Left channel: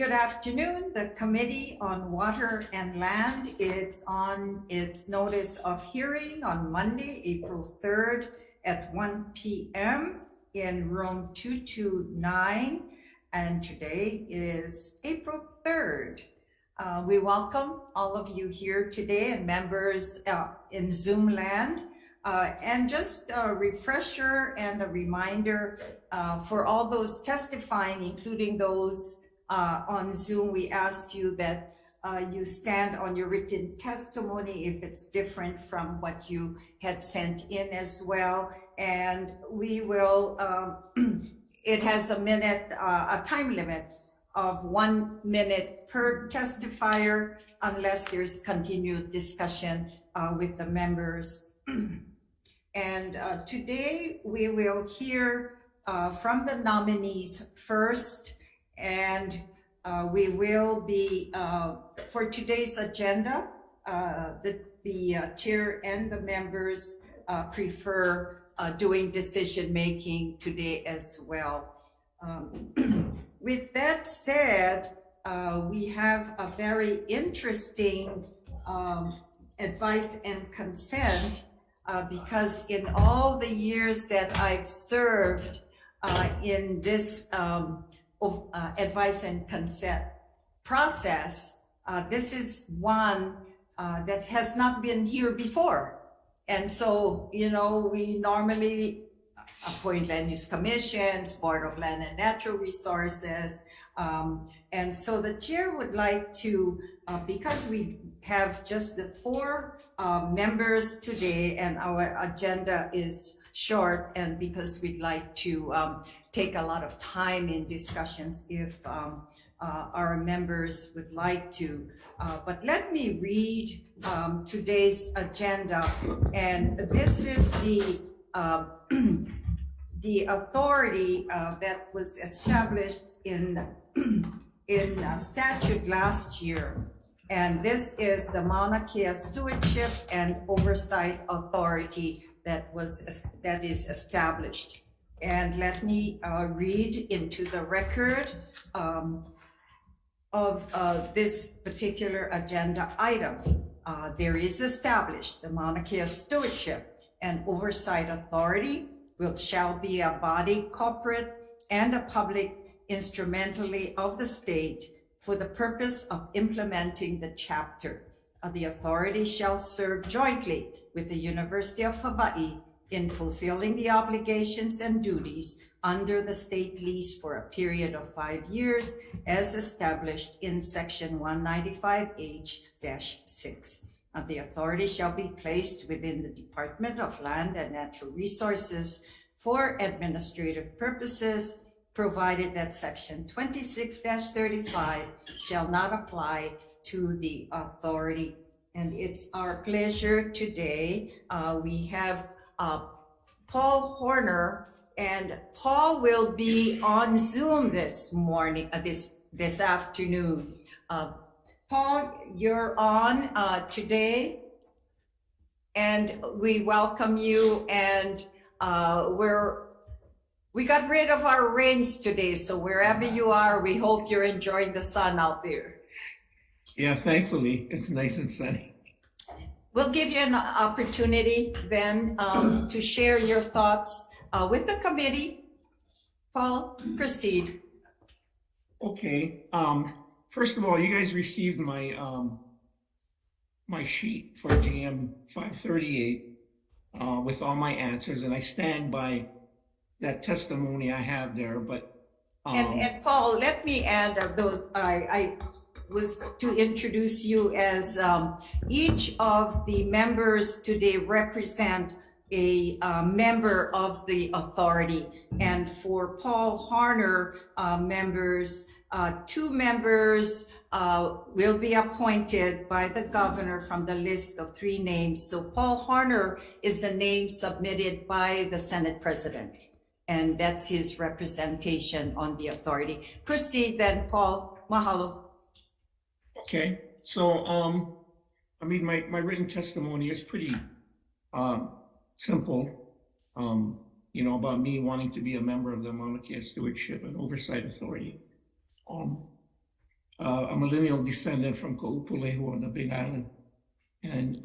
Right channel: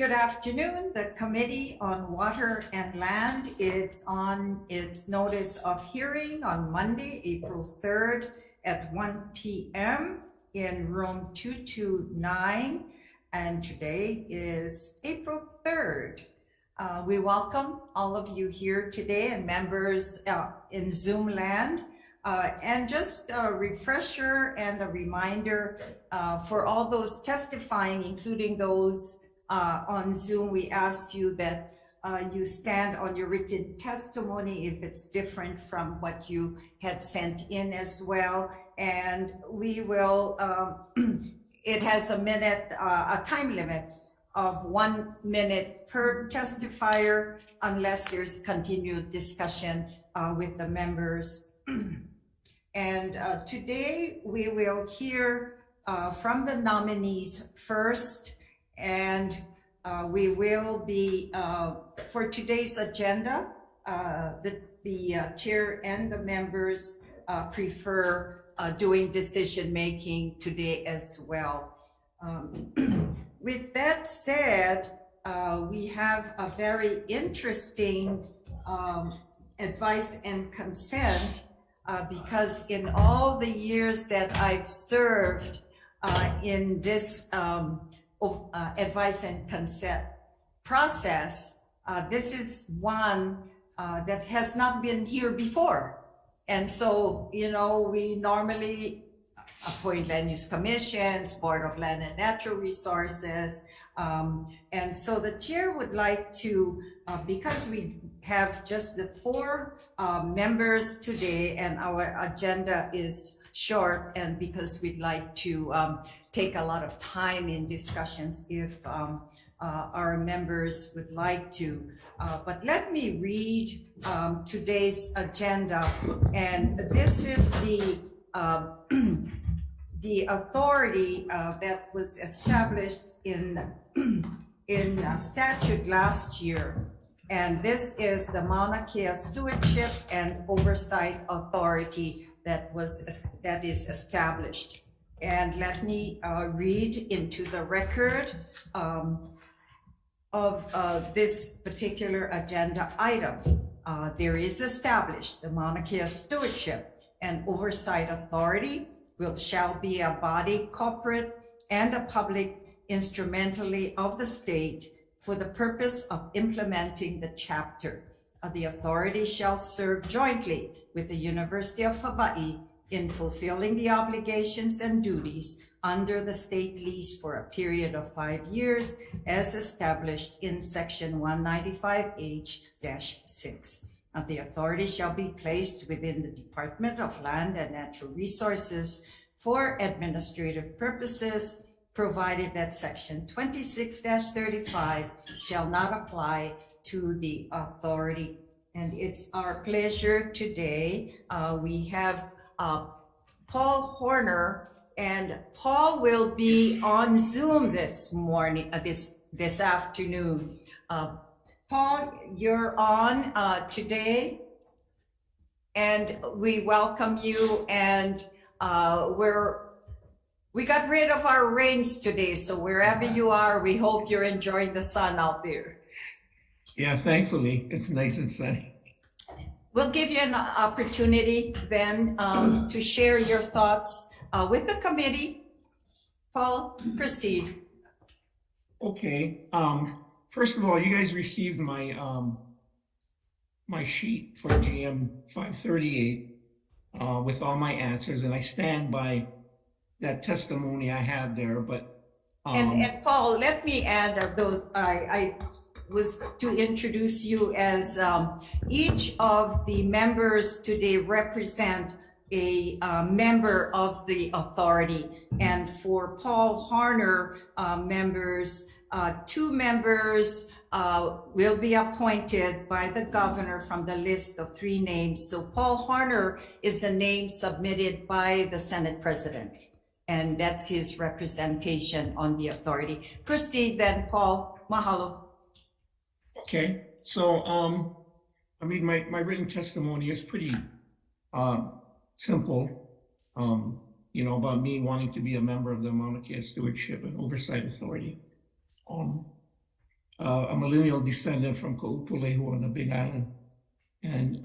Good afternoon. The Committee on Water and Land is on its notice of hearing on Monday, April 3rd at 1 p.m. in room 229. And today is April 3rd. We welcome all of you here today and members in Zoom land. And just a refresher and a reminder for all those testifying, including those on Zoom, we ask you that you stand on your written testimony if it's different from what you had sent in as well. And we will, it has a time limit of 1 minute per testifier unless there's continued discussion with the members. And today we will hear from the nominees first. And we will be, for today's agenda, the chair and the members prefer doing decision-making today as well. With that said, we have a very interesting advice and consent because in all the years that I've served in this advice and consent process, this is one that has not been here before. And so, you know, we normally appoint land use commissions, Board of Land and Natural Resources. And so the chair would like to, because we have just the 4 members today and our agenda is short, and because we'd like to take a lot of time in discussions if our members would like to. But let me read today's agenda. And this is the authority that was established in statute last year. And this is the Mauna Kea Stewardship and Oversight Authority that is established. And let me read into the record of this particular agenda item. There is established the Mauna Kea Stewardship and Oversight Authority, which shall be a body corporate and a public instrumentally of the state for the purpose of implementing the chapter. The authority shall serve jointly with the University of Hawai'i in fulfilling the obligations and duties under the state lease for a period of 5 years as established in section 195H-6. The authority shall be placed within the Department of Land and Natural Resources for administrative purposes, provided that section 26-35 shall not apply to the authority. And it's our pleasure today. We have Paul Horner, and Paul will be on Zoom this morning, this afternoon. Paul, you're on today, and we welcome you. And we got rid of our rains today, so wherever you are, we hope you're enjoying the sun out there. Yeah, thankfully, it's nice and sunny. We'll give you an opportunity then to share your thoughts with the committee. Paul, proceed. Okay. First of all, you guys received my my sheet for JM 538 with all my answers, and I stand by that testimony I have there. But and Paul, let me add those. I was to introduce you as each of the members today represent a member of the authority. And for Paul Horner members, 2 members will be appointed by the governor from the list of 3 names. So Paul Horner is a name submitted by the Senate President, and that's his representation on the authority. Proceed then, Paul. Mahalo. Okay, so I mean, my written testimony is pretty simple, you know, about me wanting to be a member of the Mauna Kea Stewardship and Oversight Authority. a millennial descendant from Ka'upulehu on the Big Island. And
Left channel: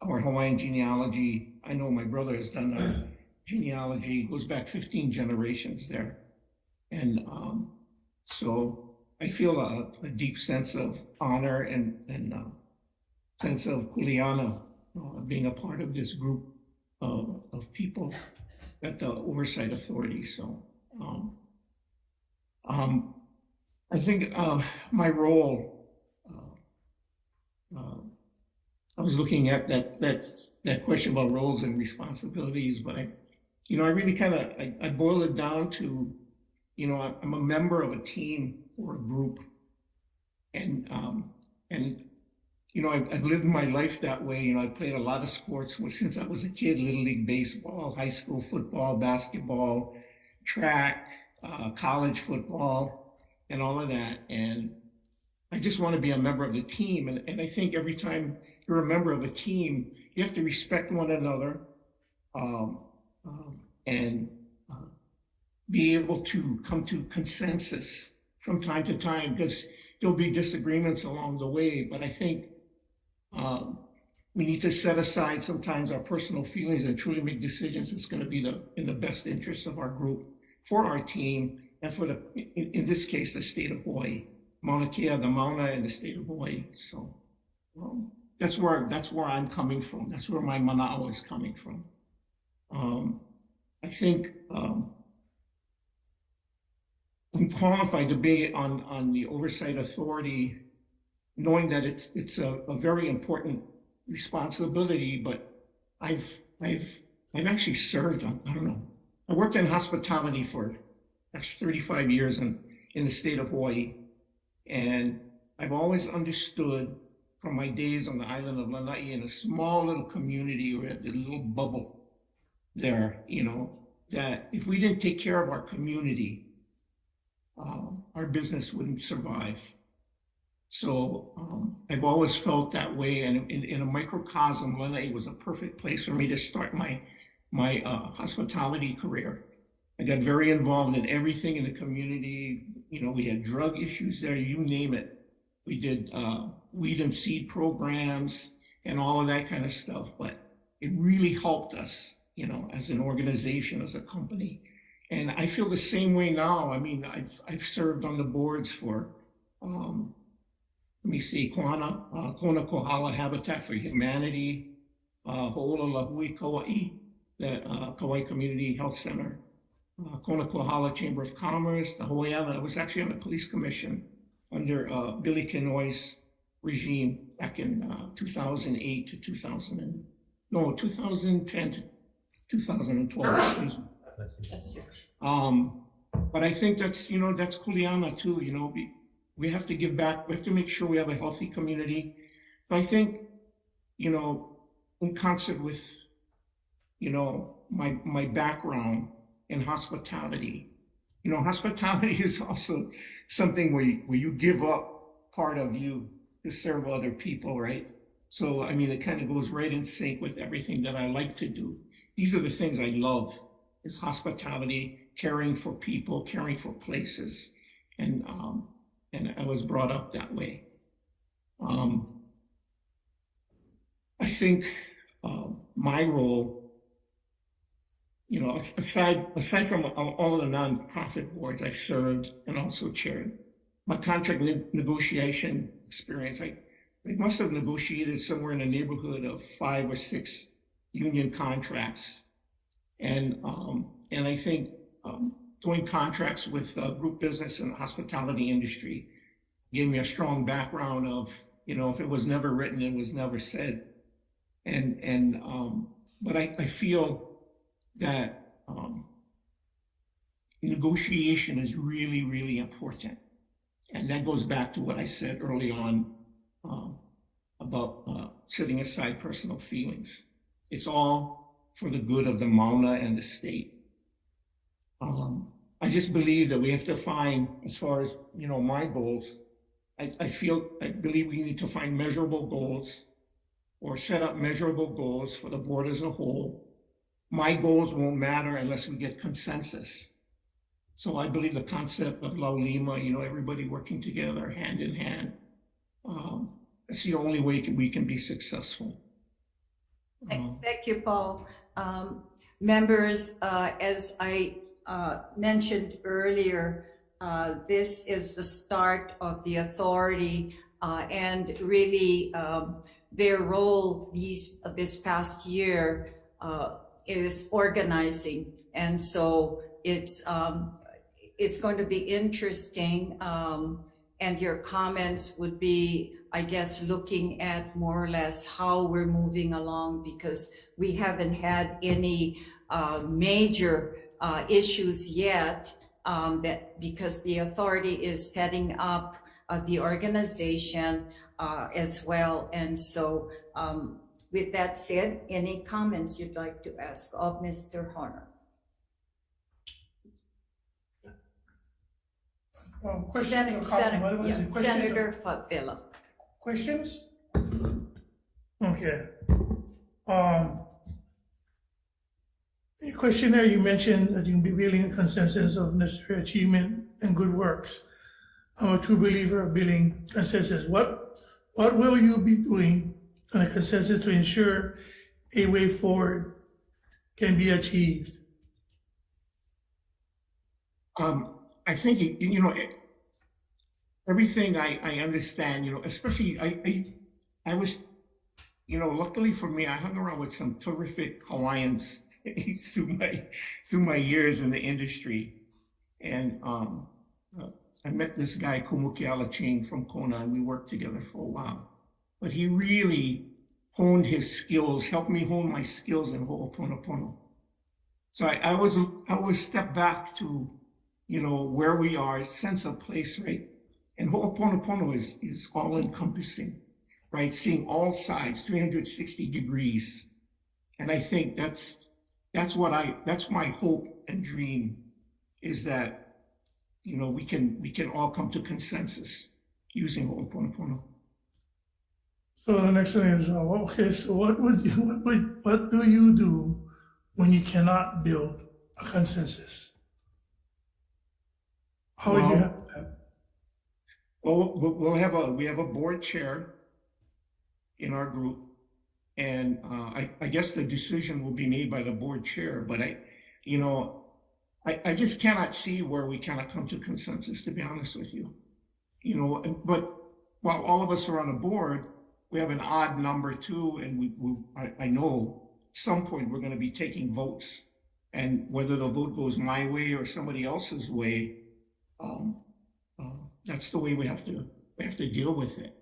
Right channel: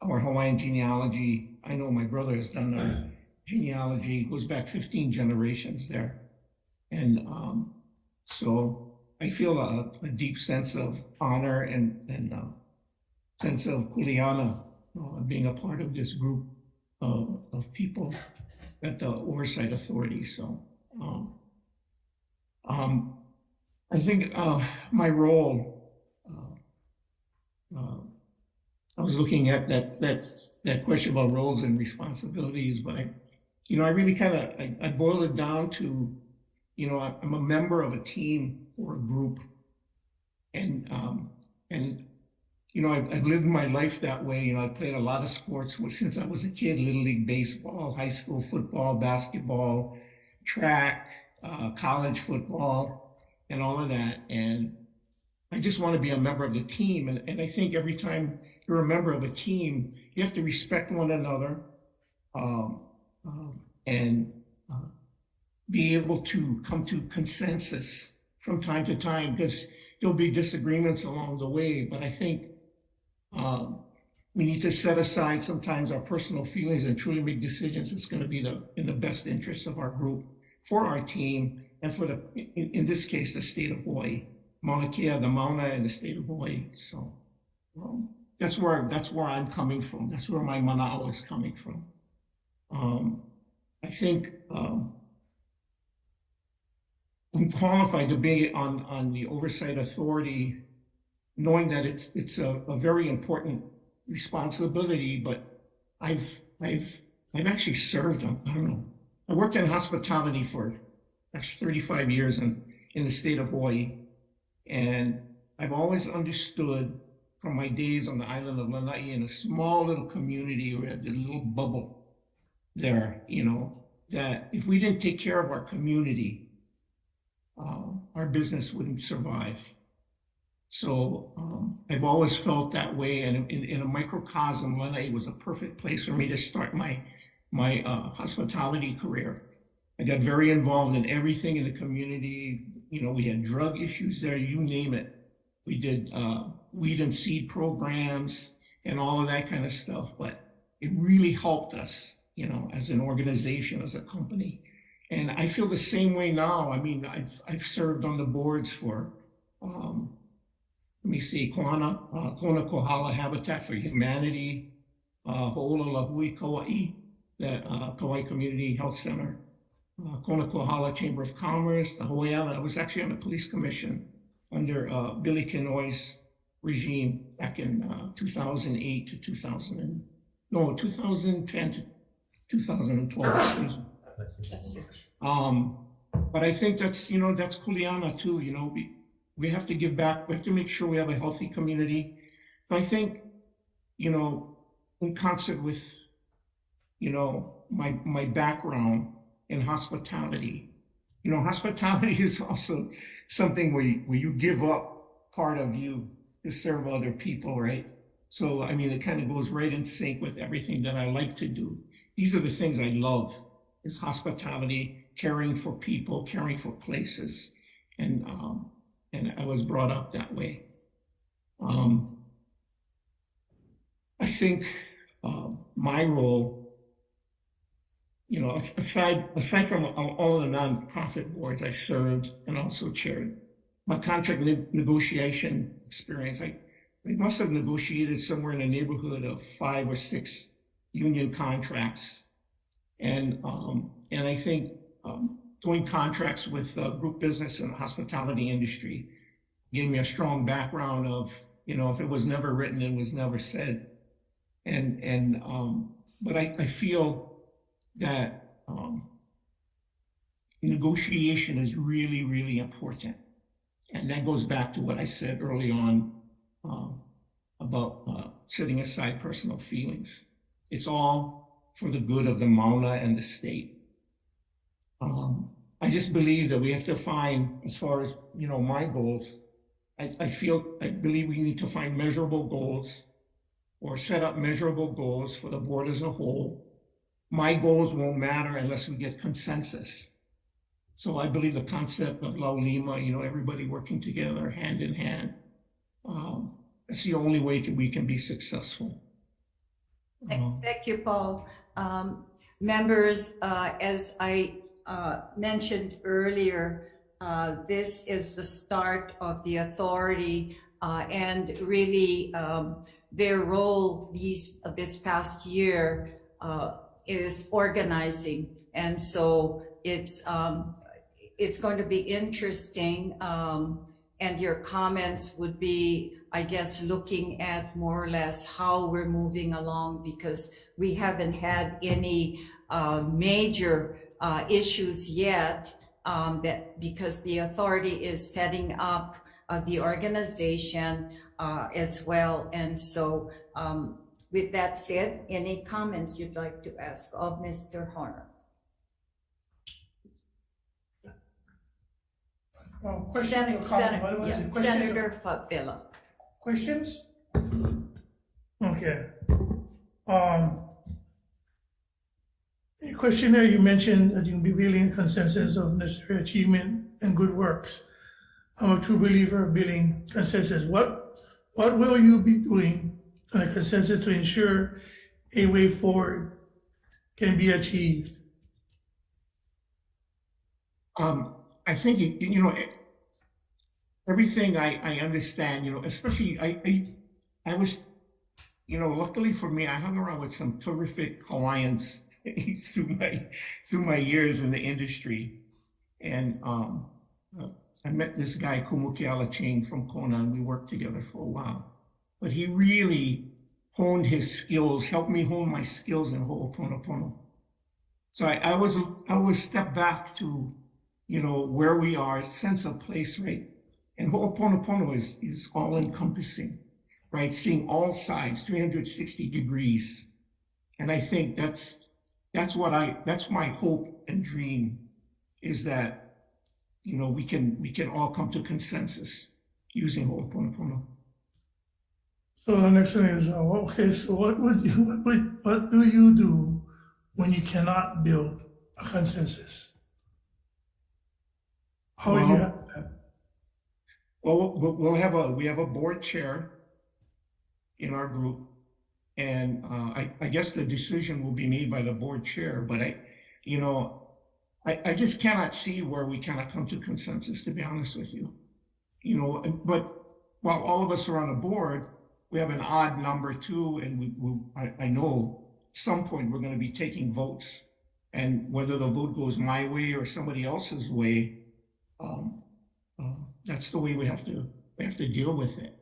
our Hawaiian genealogy, I know my brother has done our genealogy, goes back 15 generations there. And so I feel a deep sense of honor and sense of kuleana being a part of this group of people at the Oversight Authority. So I think my role, I was looking at that question about roles and responsibilities, but I really kind of, I boiled it down to, I'm a member of a team or a group, and I've lived my life that way. I played a lot of sports since I was a kid: Little League baseball, high school football, basketball, track, college football, and all of that. And I just want to be a member of the team. And I think every time you're a member of a team, you have to respect one another, and be able to come to consensus from time to time, because there'll be disagreements along the way. But I think we need to set aside sometimes our personal feelings and truly make decisions that's going to be in the best interest of our group, for our team, and for in this case, the state of Hawaii, Mauna Kea, the Mauna, and the state of Hawaii. So that's where I'm coming from. That's where my mana'o is coming from. I think I'm qualified to be on the Oversight Authority, knowing that it's a very important responsibility. But I've actually served on, I don't know, I worked in hospitality for 35 years in the state of Hawaii, and I've always understood from my days on the island of Lanai, in a small little community, or a little bubble there, that if we didn't take care of our community, our business wouldn't survive. So I've always felt that way, and in a microcosm, Lanai was a perfect place for me to start my hospitality career. I got very involved in everything in the community. We had drug issues there, you name it. We did weed and seed programs and all of that kind of stuff, but it really helped us, as an organization, as a company. And I feel the same way now. I mean, I've served on the boards for, let me see, Kona Kohala Habitat for Humanity, Ho'ololahui Kauai, the Kauai Community Health Center, Kona Kohala Chamber of Commerce, the Hawaii Island. I was actually on the police commission under Billy Kenoy's regime back in 2008 to 2010 to 2012. But I think that's kuleana too. We have to give back. We have to make sure we have a healthy community. So I think, in concert with, my background in hospitality, hospitality is also something where you give up part of you to serve other people, right? So, I mean, it kind of goes right in sync with everything that I like to do. These are the things I love, is hospitality, caring for people, caring for places. And I was brought up that way. I think my role, aside from all of the nonprofit boards I served and also chaired, my contract negotiation experience, I must have negotiated somewhere in the neighborhood of 5 or 6 union contracts. And I think doing contracts with group business and the hospitality industry gave me a strong background of, if it was never written, it was never said. But I feel that negotiation is really, really important. And that goes back to what I said early on about setting aside personal feelings. It's all for the good of the Mauna and the state. I just believe that we have to find, as far as, my goals, I believe we need to find measurable goals, or set up measurable goals for the board as a whole. My goals won't matter unless we get consensus. So I believe the concept of Laulima, everybody working together, hand in hand, that's the only way we can be successful. Thank you, Paul. Members, as I mentioned earlier, this is the start of the authority, and really their role this past year is organizing, and so it's going to be interesting, and your comments would be, I guess, looking at more or less how we're moving along, because we haven't had any major issues yet, because the authority is setting up the organization as well. And so with that said, any comments you'd like to ask of Mr. Horner? Senator Favela. Questions? Okay. In your questionnaire, you mentioned that you'll be building a consensus of necessary achievement and good works. I'm a true believer of building consensus. What will you be doing on a consensus to ensure a way forward can be achieved? I think, everything I understand, especially I was, luckily for me, I hung around with some terrific Hawaiians through my years in the industry. And I met this guy, Kumukiala Ching from Kona, and we worked together for a while. But he really honed his skills, helped me hone my skills in Ho'oponopono. So I always step back to, where we are, sense of place, right? And Ho'oponopono is all encompassing, right? Seeing all sides, 360 degrees. And I think that's my hope and dream, is that, we can all come to consensus using Ho'oponopono. So the next one is, okay, so what do you do when you cannot build a consensus? How would you have that? Well, we have a board chair in our group, and I guess the decision will be made by the board chair, but I just cannot see where we cannot come to consensus, to be honest with you. But while all of us are on the board, we have an odd number too, and I know at some point we're going to be taking votes, and whether the vote goes my way or somebody else's way, that's the way we have to deal with it.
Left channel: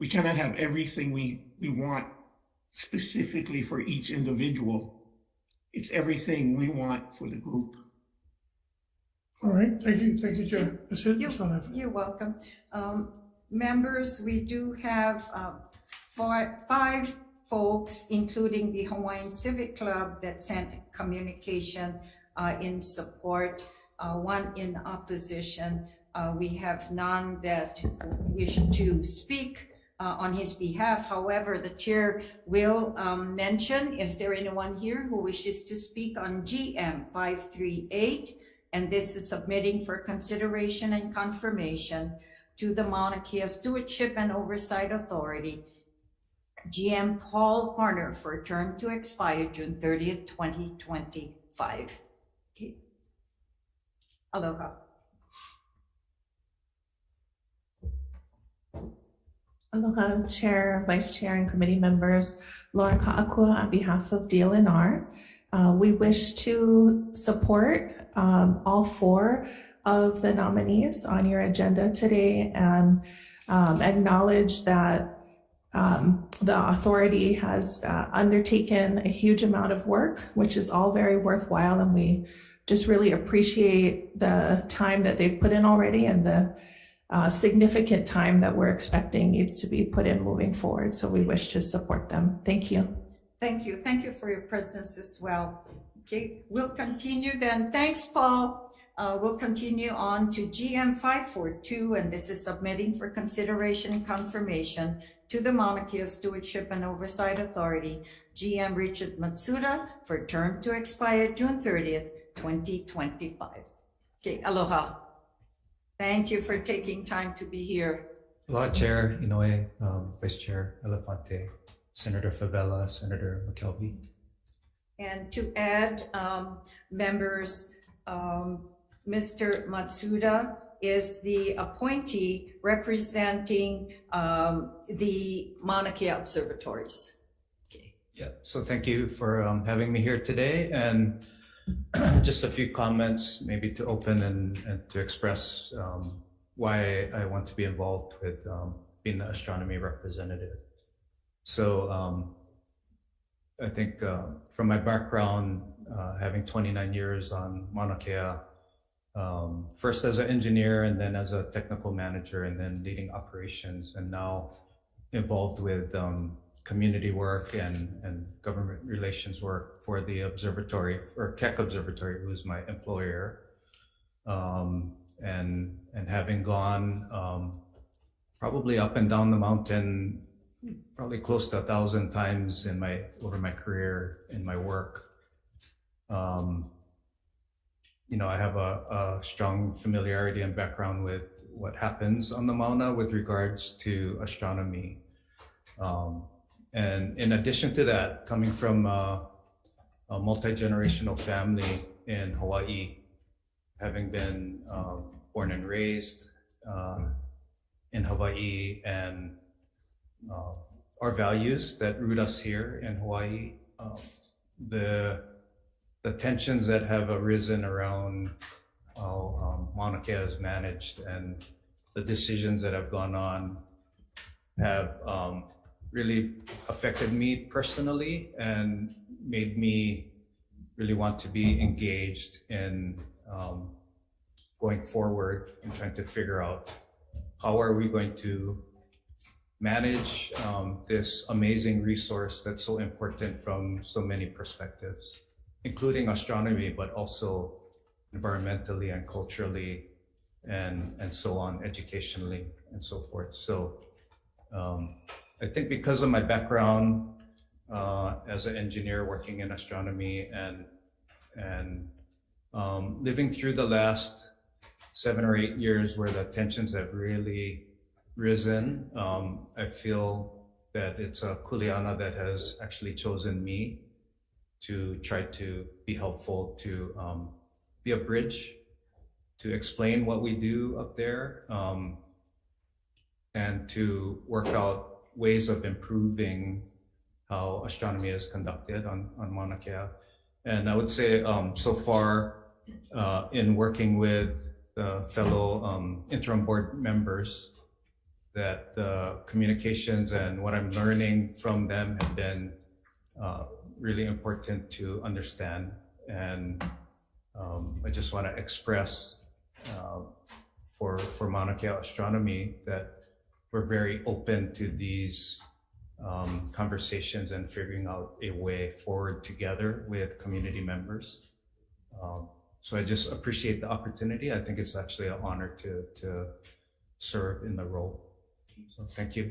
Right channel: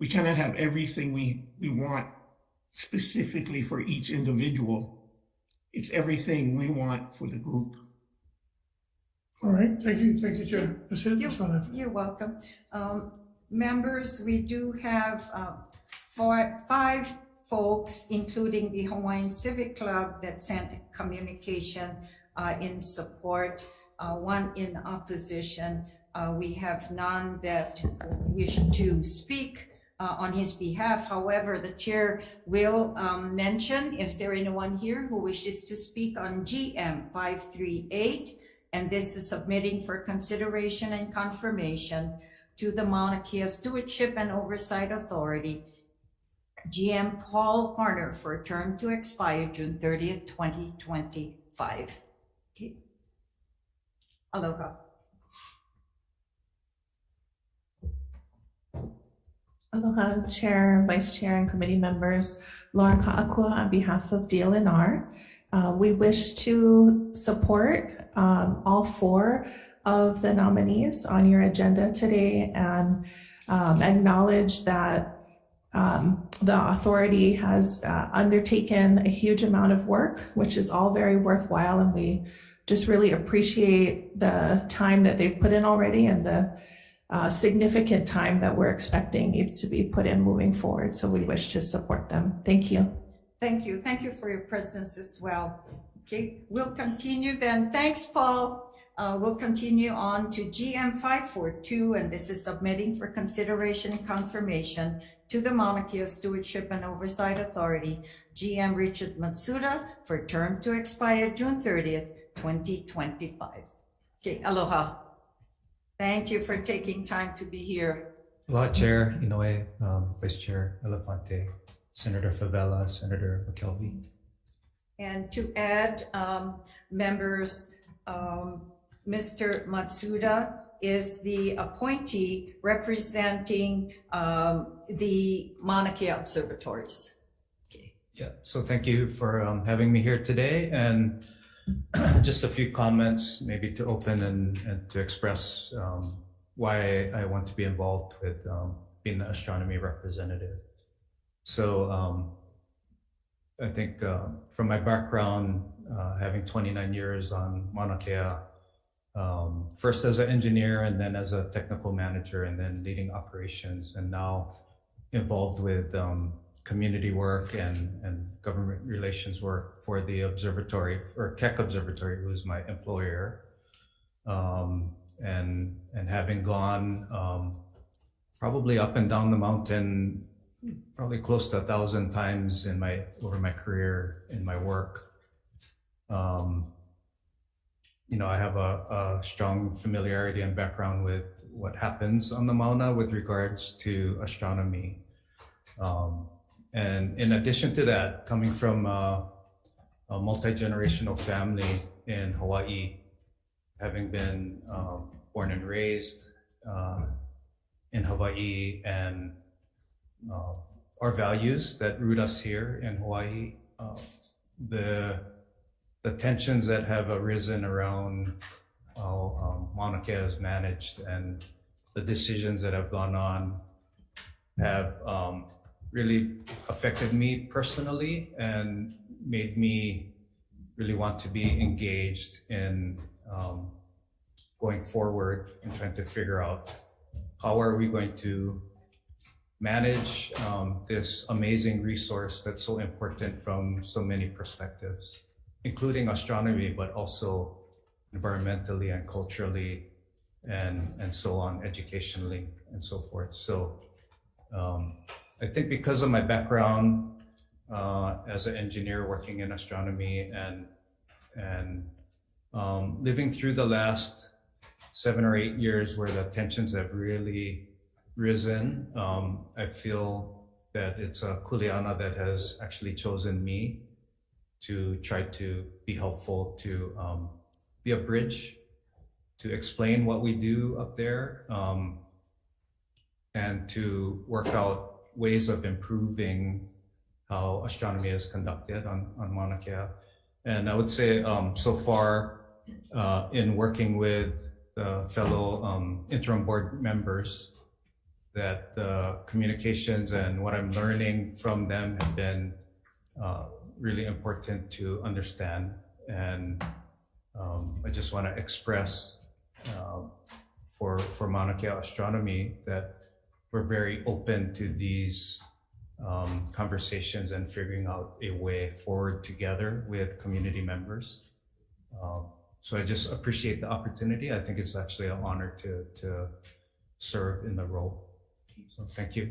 We cannot have everything we want specifically for each individual. It's everything we want for the group. All right, thank you, Chair. That's it. You're welcome. Members, we do have 5 folks, including the Hawaiian Civic Club, that sent communication in support, 1 in opposition. We have none that wish to speak on his behalf. However, the chair will mention, is there anyone here who wishes to speak on GM 538? And this is submitting for consideration and confirmation to the Mauna Kea Stewardship and Oversight Authority, GM Paul Horner, for a term to expire June 30th, 2025. Okay. Aloha. Aloha, Chair, Vice Chair, and committee members. Laura Ka'akua on behalf of DLNR. We wish to support all 4 of the nominees on your agenda today, and acknowledge that the authority has undertaken a huge amount of work, which is all very worthwhile, and we just really appreciate the time that they've put in already, and the significant time that we're expecting needs to be put in moving forward. So we wish to support them. Thank you. Thank you. Thank you for your presence as well. Okay, we'll continue then. Thanks, Paul. We'll continue on to GM 542, and this is submitting for consideration and confirmation to the Mauna Kea Stewardship and Oversight Authority, GM Richard Matsuda, for term to expire June 30th, 2025. Okay, aloha. Thank you for taking time to be here. Aloha, Chair Inoue, Vice Chair Elefante, Senator Favela, Senator McKelvey. And to add, members, Mr. Matsuda is the appointee representing the Mauna Kea observatories. Okay. Yeah, so thank you for having me here today, and just a few comments maybe to open and to express why I want to be involved with being the astronomy representative. So I think from my background, having 29 years on Mauna Kea, first as an engineer and then as a technical manager and then leading operations, and now involved with community work and government relations work for the observatory, or Keck Observatory, who is my employer. And having gone probably up and down the mountain, probably close to 1,000 times over my career in my work. You know, I have a strong familiarity and background with what happens on the Mauna with regards to astronomy. And in addition to that, coming from a multi-generational family in Hawaii, having been born and raised in Hawaii, and our values that root us here in Hawaii, the tensions that have arisen around how Mauna Kea is managed and the decisions that have gone on have really affected me personally and made me really want to be engaged in going forward and trying to figure out how are we going to manage this amazing resource that's so important from so many perspectives, including astronomy, but also environmentally and culturally and so on, educationally and so forth. So I think because of my background as an engineer working in astronomy and living through the last 7 or 8 years where the tensions have really risen, I feel that it's a kuleana that has actually chosen me to try to be helpful, to be a bridge, to explain what we do up there, and to work out ways of improving how astronomy is conducted on Mauna Kea. And I would say so far in working with the fellow interim board members, that the communications and what I'm learning from them have been really important to understand. And I just want to express for Mauna Kea Astronomy that we're very open to these conversations and figuring out a way forward together with community members. So I just appreciate the opportunity. I think it's actually an honor to serve in the role. So thank you.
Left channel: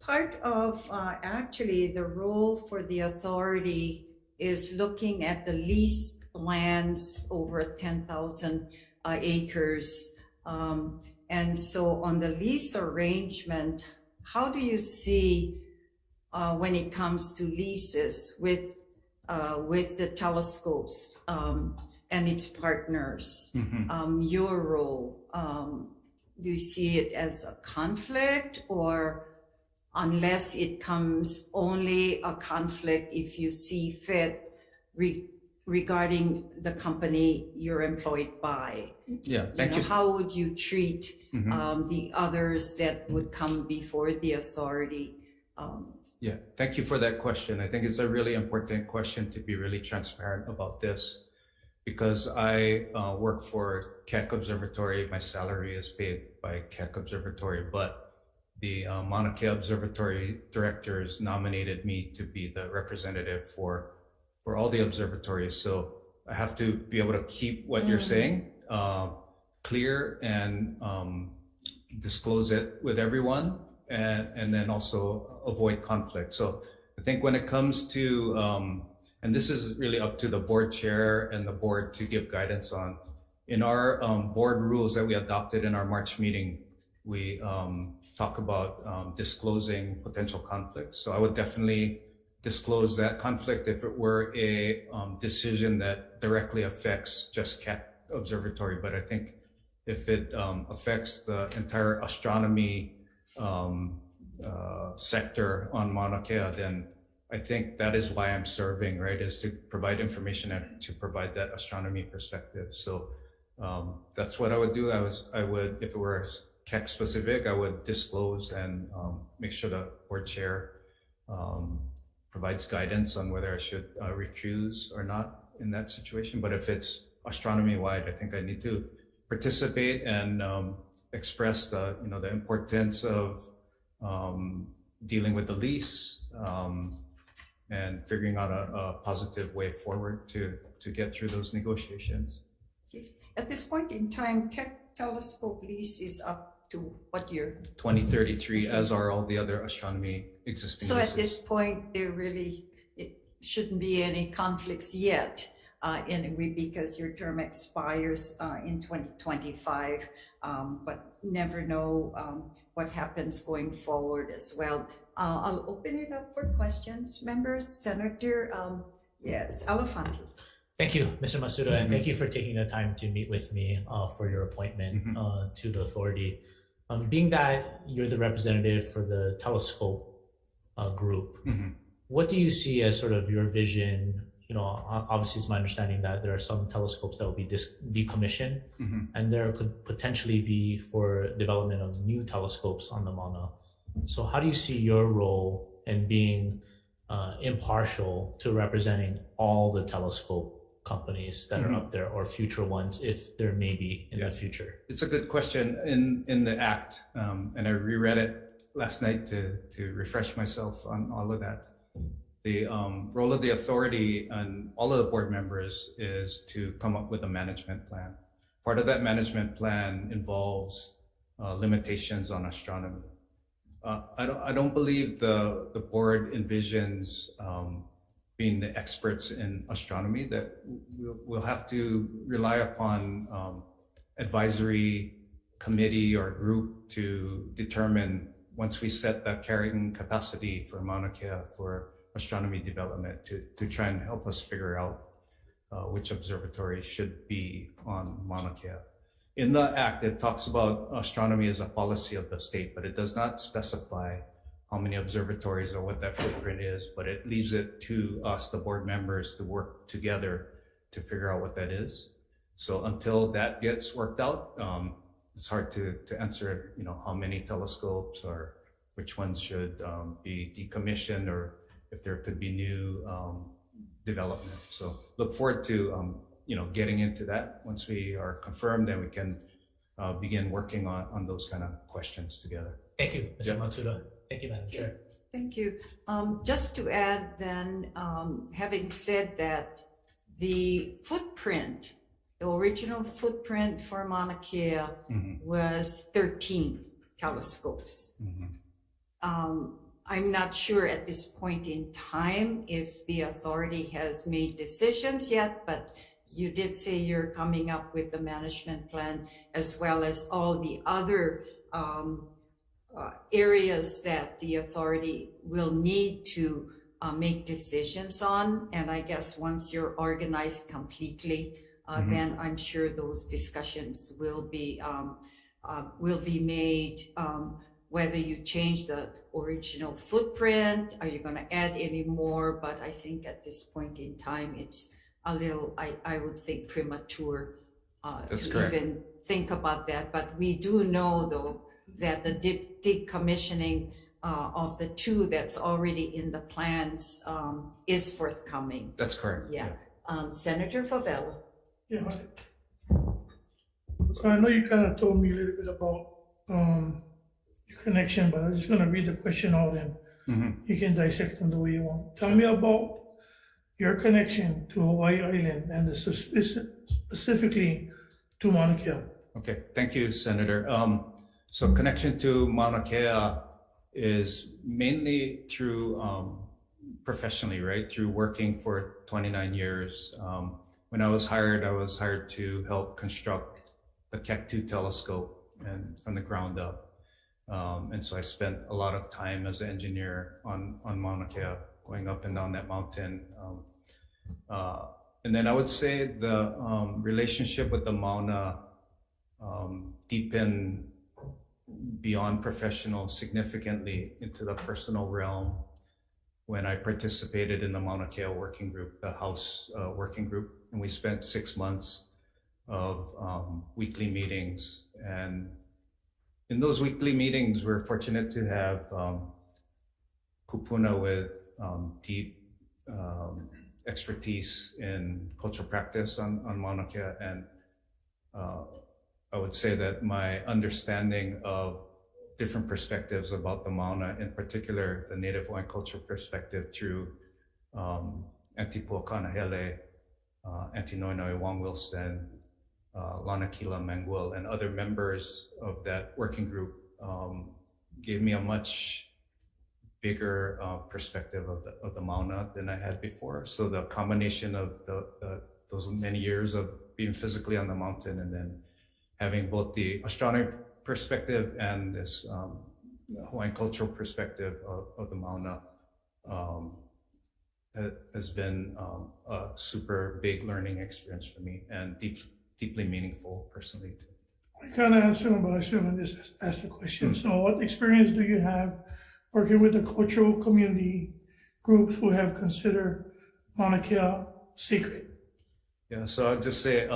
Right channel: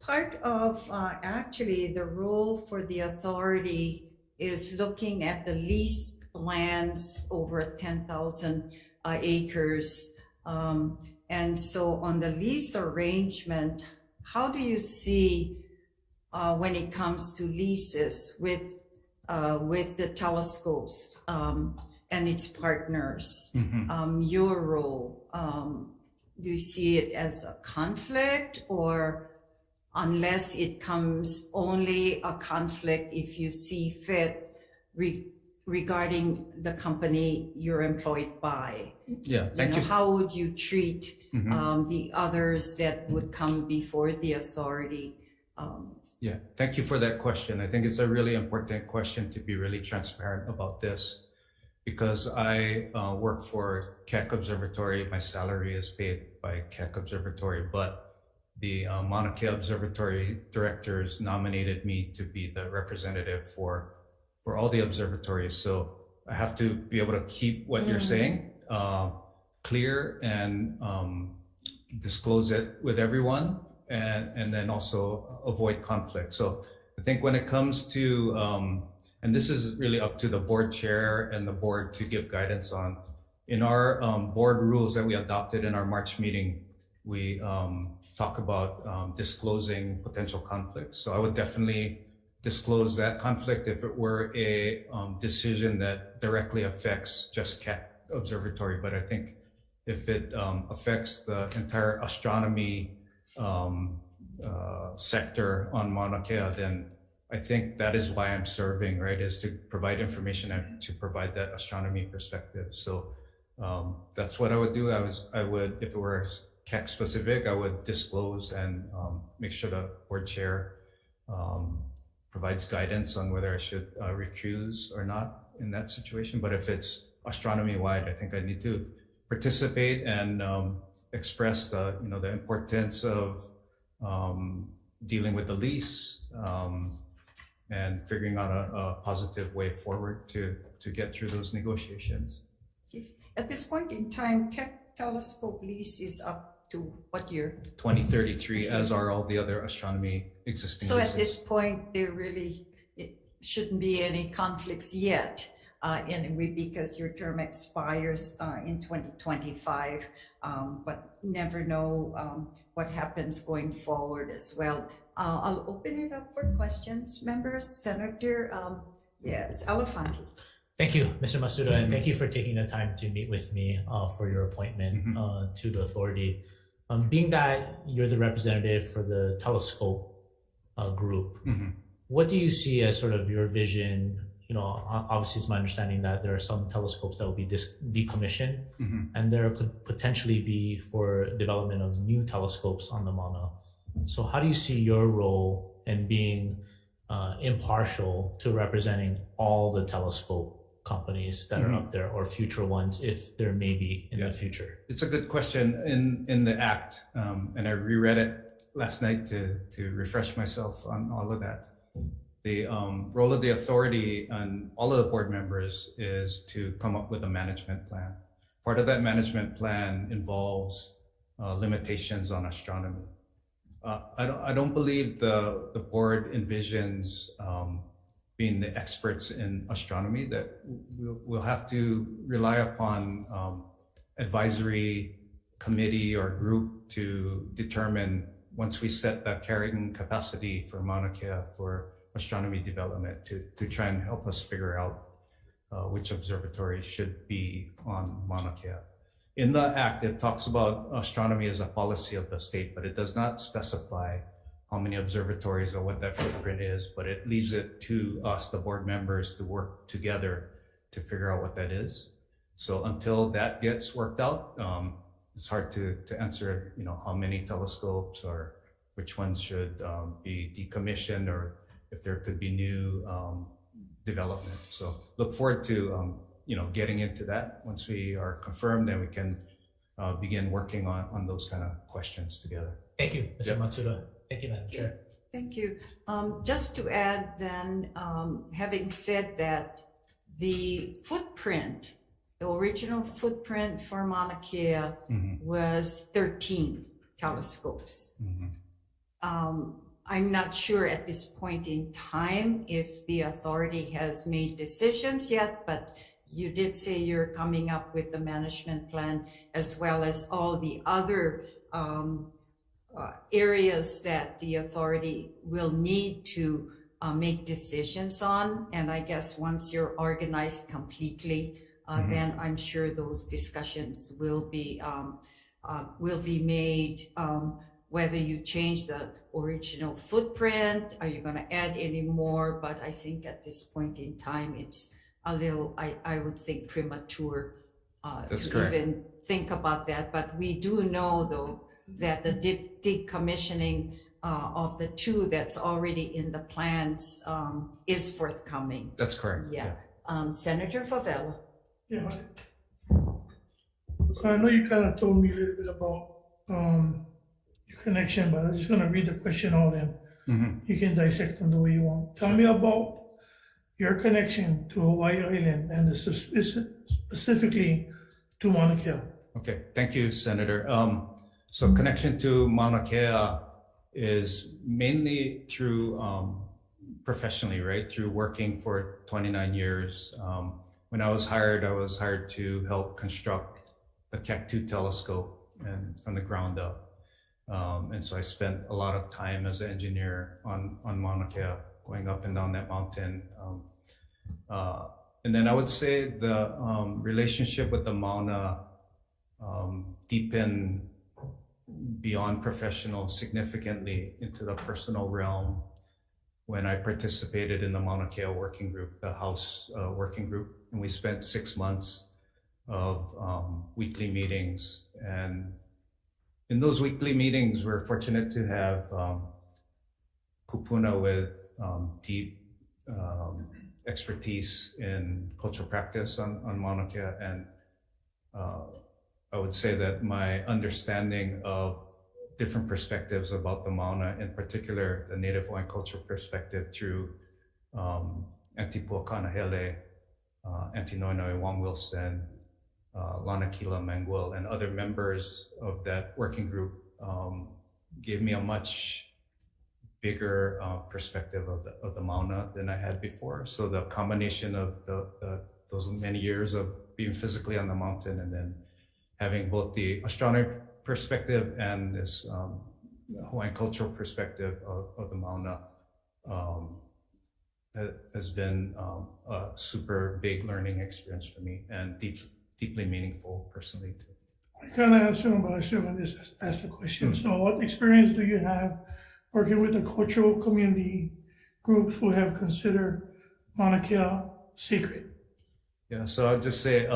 Part of actually the role for the authority is looking at the leased lands over 10,000 acres. And so on the lease arrangement, how do you see when it comes to leases with the telescopes and its partners, your role? Do you see it as a conflict, or unless it comes only a conflict if you see fit regarding the company you're employed by? Yeah, thank you. How would you treat the others that would come before the authority? Yeah, thank you for that question. I think it's a really important question to be really transparent about this, because I work for Keck Observatory. My salary is paid by Keck Observatory, but the Mauna Kea Observatory directors nominated me to be the representative for all the observatories. So I have to be able to keep what you're saying clear and disclose it with everyone, and then also avoid conflict. So I think when it comes to, and this is really up to the board chair and the board to give guidance on, In our board rules that we adopted in our March meeting, we talk about disclosing potential conflicts. So I would definitely disclose that conflict if it were a decision that directly affects just CAT Observatory. But I think if it affects the entire astronomy sector on Mauna Kea, then I think that is why I'm serving, right, is to provide information and to provide that astronomy perspective. So that's what I would do. I would, if it were CAC specific, I would disclose and make sure the board chair provides guidance on whether I should recuse or not in that situation. But if it's astronomy wide, I think I need to participate and express the the importance of dealing with the lease and figuring out a positive way forward to get through those negotiations. At this point in time, Keck telescope lease is up to what year? 2033, as are all the other astronomy existing So leases. at this point, there really shouldn't be any conflicts yet, because your term expires in 2025, but never know what happens going forward as well. I'll open it up for questions. Members, Senator, yes, Elefanti. Thank you, Mr. Masuda, and thank you for taking the time to meet with me for your appointment to the authority. Being that you're the representative for the telescope group, what do you see as sort of your vision? Obviously it's my understanding that there are some telescopes that will be decommissioned, and there could potentially be for development of new telescopes on the Mauna. So how do you see your role in being impartial to representing all the telescope companies that are up there, or future ones, if there may be in the future? It's a good question. In the Act, and I reread it last night to refresh myself on all of that. The role of the authority and all of the board members is to come up with a management plan. Part of that management plan involves limitations on astronomy. I don't believe the board envisions being the experts in astronomy, that we'll have to rely upon advisory committee or group to determine, once we set the carrying capacity for Mauna Kea for astronomy development, to try and help us figure out which observatory should be on Mauna Kea. In the Act, it talks about astronomy as a policy of the state, but it does not specify how many observatories or what that footprint is, but it leaves it to us, the board members, to work together to figure out what that is. So until that gets worked out, it's hard to answer, how many telescopes or which ones should be decommissioned, or if there could be new development. So look forward to getting into that. Once we are confirmed, then we can begin working on those kind of questions together. Thank you, Mr. Matsuda. Thank you, Madam Chair. Thank you. Just to add then, having said that, the footprint, the original footprint for Mauna Kea was 13 telescopes. I'm not sure at this point in time if the authority has made decisions yet, but you did say you're coming up with the management plan, as well as all the other areas that the authority will need to make decisions on. And I guess once you're organized completely, then I'm sure those discussions will be made, whether you change the original footprint, are you going to add any more? But I think at this point in time, it's a little, I would think, premature to even think about that. But we do know, though, that the decommissioning of the two that's already in the plans is forthcoming. That's correct. Yeah. Senator Favela. Yeah. So I know you kind of told me a little bit about your connection, but I'm just going to read the question out and you can dissect them the way you want. Tell me about your connection to Hawaii Island and specifically to Mauna Kea. Okay, thank you, Senator. So connection to Mauna Kea is mainly through professionally, right? Through working for 29 years when I was hired to help construct the Keck-2 telescope and from the ground up. And so I spent a lot of time as an engineer on Mauna Kea, going up and down that mountain. And then I would say the relationship with the Mauna deepened beyond professional significantly into the personal realm when I participated in the Mauna Kea working group, the House working group. And we spent 6 months of weekly meetings. And in those weekly meetings, we're fortunate to have kupuna with deep expertise in cultural practice on Mauna Kea. And I would say that my understanding of different perspectives about the Mauna, in particular the Native Hawaiian cultural perspective through Auntie Puakanahele, Auntie Noinoi Wong Wilson, Lana Kila Manguel, and other members of that working group gave me a much bigger perspective of the Mauna than I had before. So the combination of those many years of being physically on the mountain and then having both the astronomy perspective and this Hawaiian cultural perspective of the Mauna has been a super big learning experience for me and deeply meaningful personally too. I kind of asked him, but I still want to ask the question. So what experience do you have working with the cultural community groups who have considered Mauna Kea sacred? Yeah, so I'll just say,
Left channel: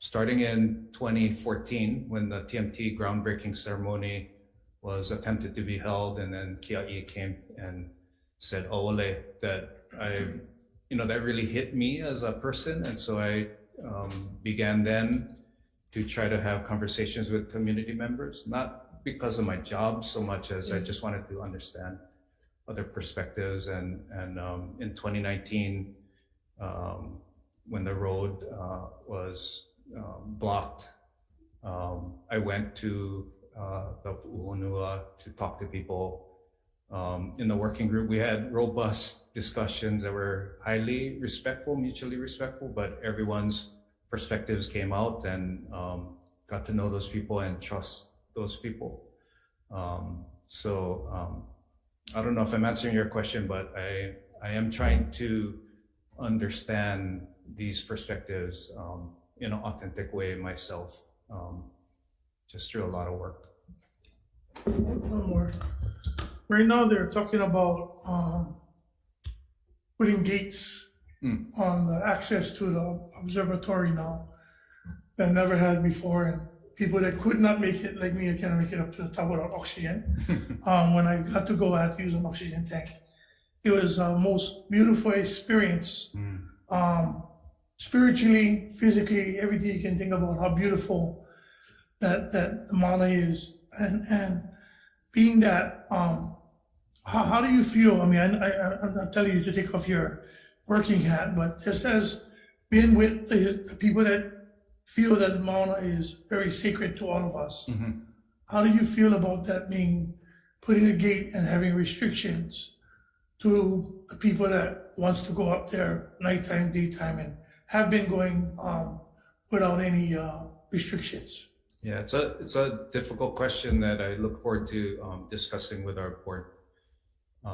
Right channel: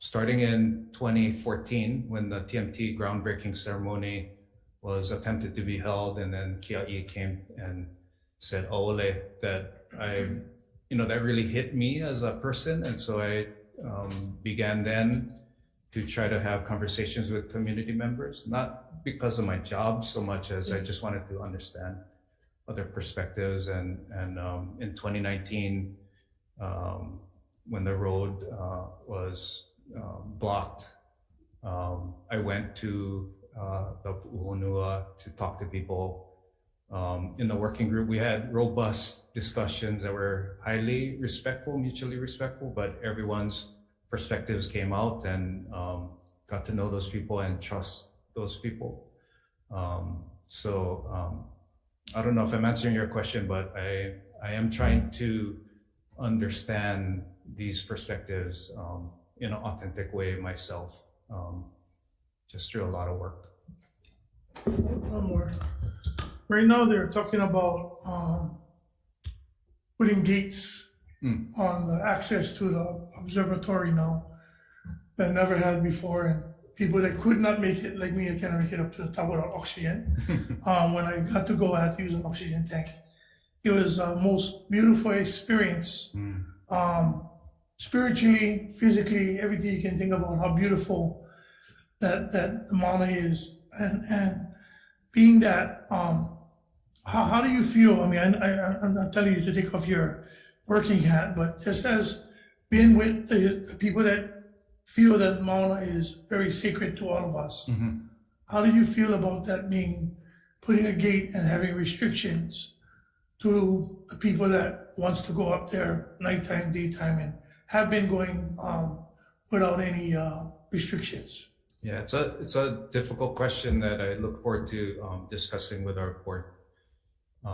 starting in 2014, when the TMT groundbreaking ceremony was attempted to be held, and then Kia'i came and said "O'ole," that that really hit me as a person, and so I began then to try to have conversations with community members, not because of my job so much as I just wanted to understand other perspectives. And in 2019, when the road was blocked, I went to the Pu'uhonua to talk to people. In the working group, we had robust discussions that were highly respectful, mutually respectful, but everyone's perspectives came out, and got to know those people and trust those people. I don't know if I'm answering your question, but I am trying to understand these perspectives in an authentic way myself, just through a lot of work. One more. Right now, they're talking about putting gates on the access to the observatory now that never had before, and people that could not make it, like me, I cannot make it up to the top without oxygen. When I had to go, I had to use an oxygen tank. It was the most beautiful experience, spiritually, physically, everything you can think about how beautiful that the Mauna is, and being that. How do you feel? I mean, I'm not telling you to take off your working hat, but just as being with the people that feel that Mauna is very sacred to all of us, how do you feel about that putting a gate and having restrictions to the people that wants to go up there nighttime, daytime, and have been going without any restrictions? Yeah, it's a difficult question that I look forward to discussing with our board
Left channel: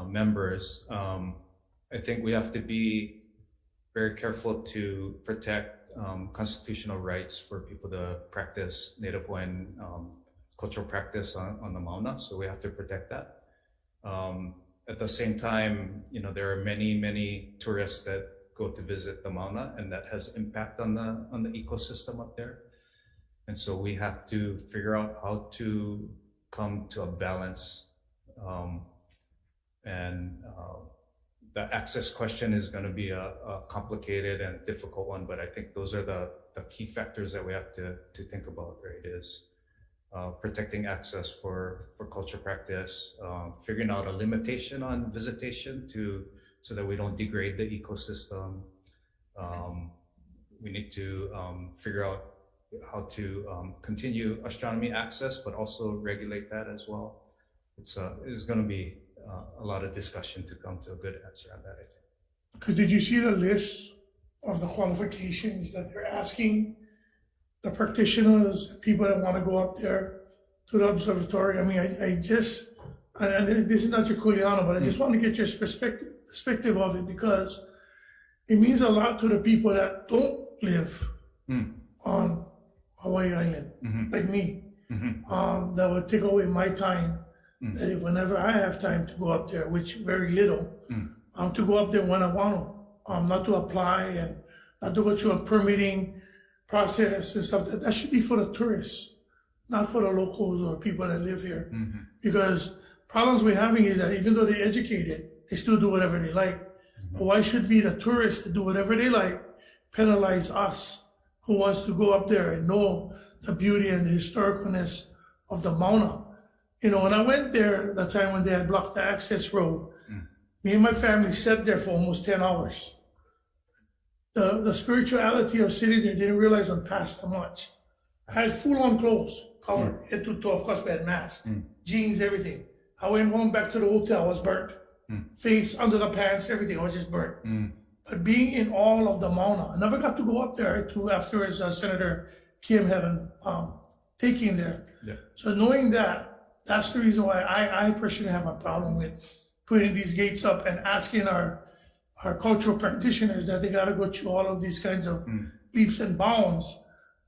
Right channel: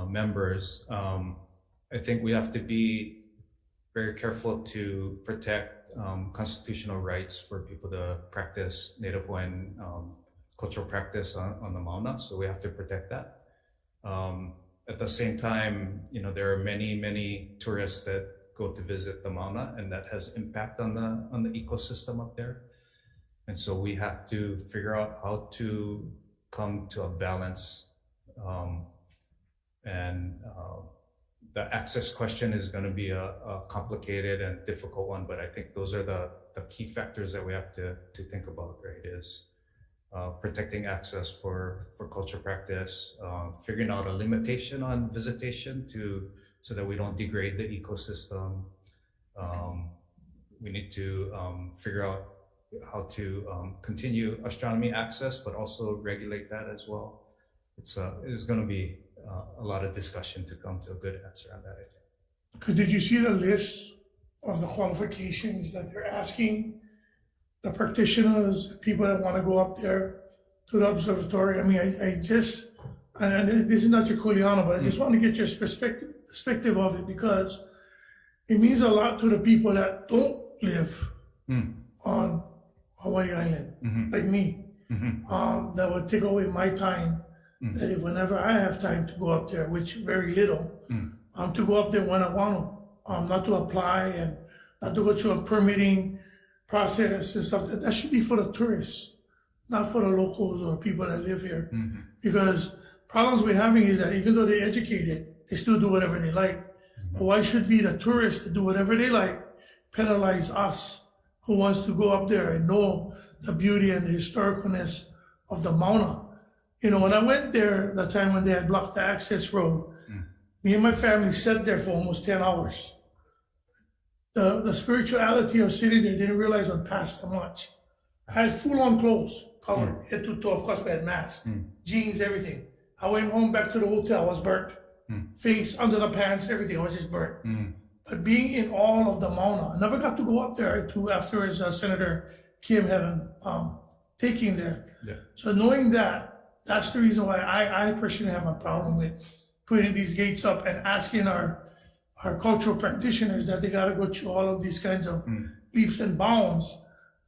members. I think we have to be very careful to protect constitutional rights for people to practice Native Hawaiian cultural practice on the Mauna, so we have to protect that. At the same time, there are many tourists that go to visit the Mauna, and that has impact on the ecosystem up there. And so we have to figure out how to come to a balance. The access question is going to be a complicated and difficult one, but I think those are the key factors that we have to think about, right? Is protecting access for culture practice, figuring out a limitation on visitation so that we don't degrade the ecosystem. We need to figure out how to continue astronomy access, but also regulate that as well. It's going to be a lot of discussion to come to a good answer on that, I think. Because did you see the list of the qualifications that they're asking the practitioners, the people that want to go up there to the observatory? I mean, I just, and this is not your Juliano, but I just want to get your perspective of it, because it means a lot to the people that don't live on Hawaii Island, like me. That would take away my time. That if whenever I have time to go up there, which very little, to go up there when I want to, not to apply and not to go through a permitting process and stuff. That should be for the tourists, not for the locals or people that live here. Because problems we're having is that even though they're educated, they still do whatever they like. But why should be the tourists that do whatever they like penalize us who wants to go up there and know the beauty and the historicalness of the Mauna? You know, when I went there, the time when they had blocked the access road, me and my family sat there for almost 10 hours. The spirituality of sitting there, didn't realize I'd passed that much. I had full-on clothes, covered, head to toe. Of course, we had masks, jeans, everything. I went home back to the hotel, I was burnt. Face, under the pants, everything, I was just burnt. But being in all of the Mauna, I never got to go up there to afterwards Senator Kim had a taking there. So knowing that, that's the reason why I personally have a problem with putting these gates up and asking our cultural practitioners that they got to go through all of these kinds of leaps and bounds.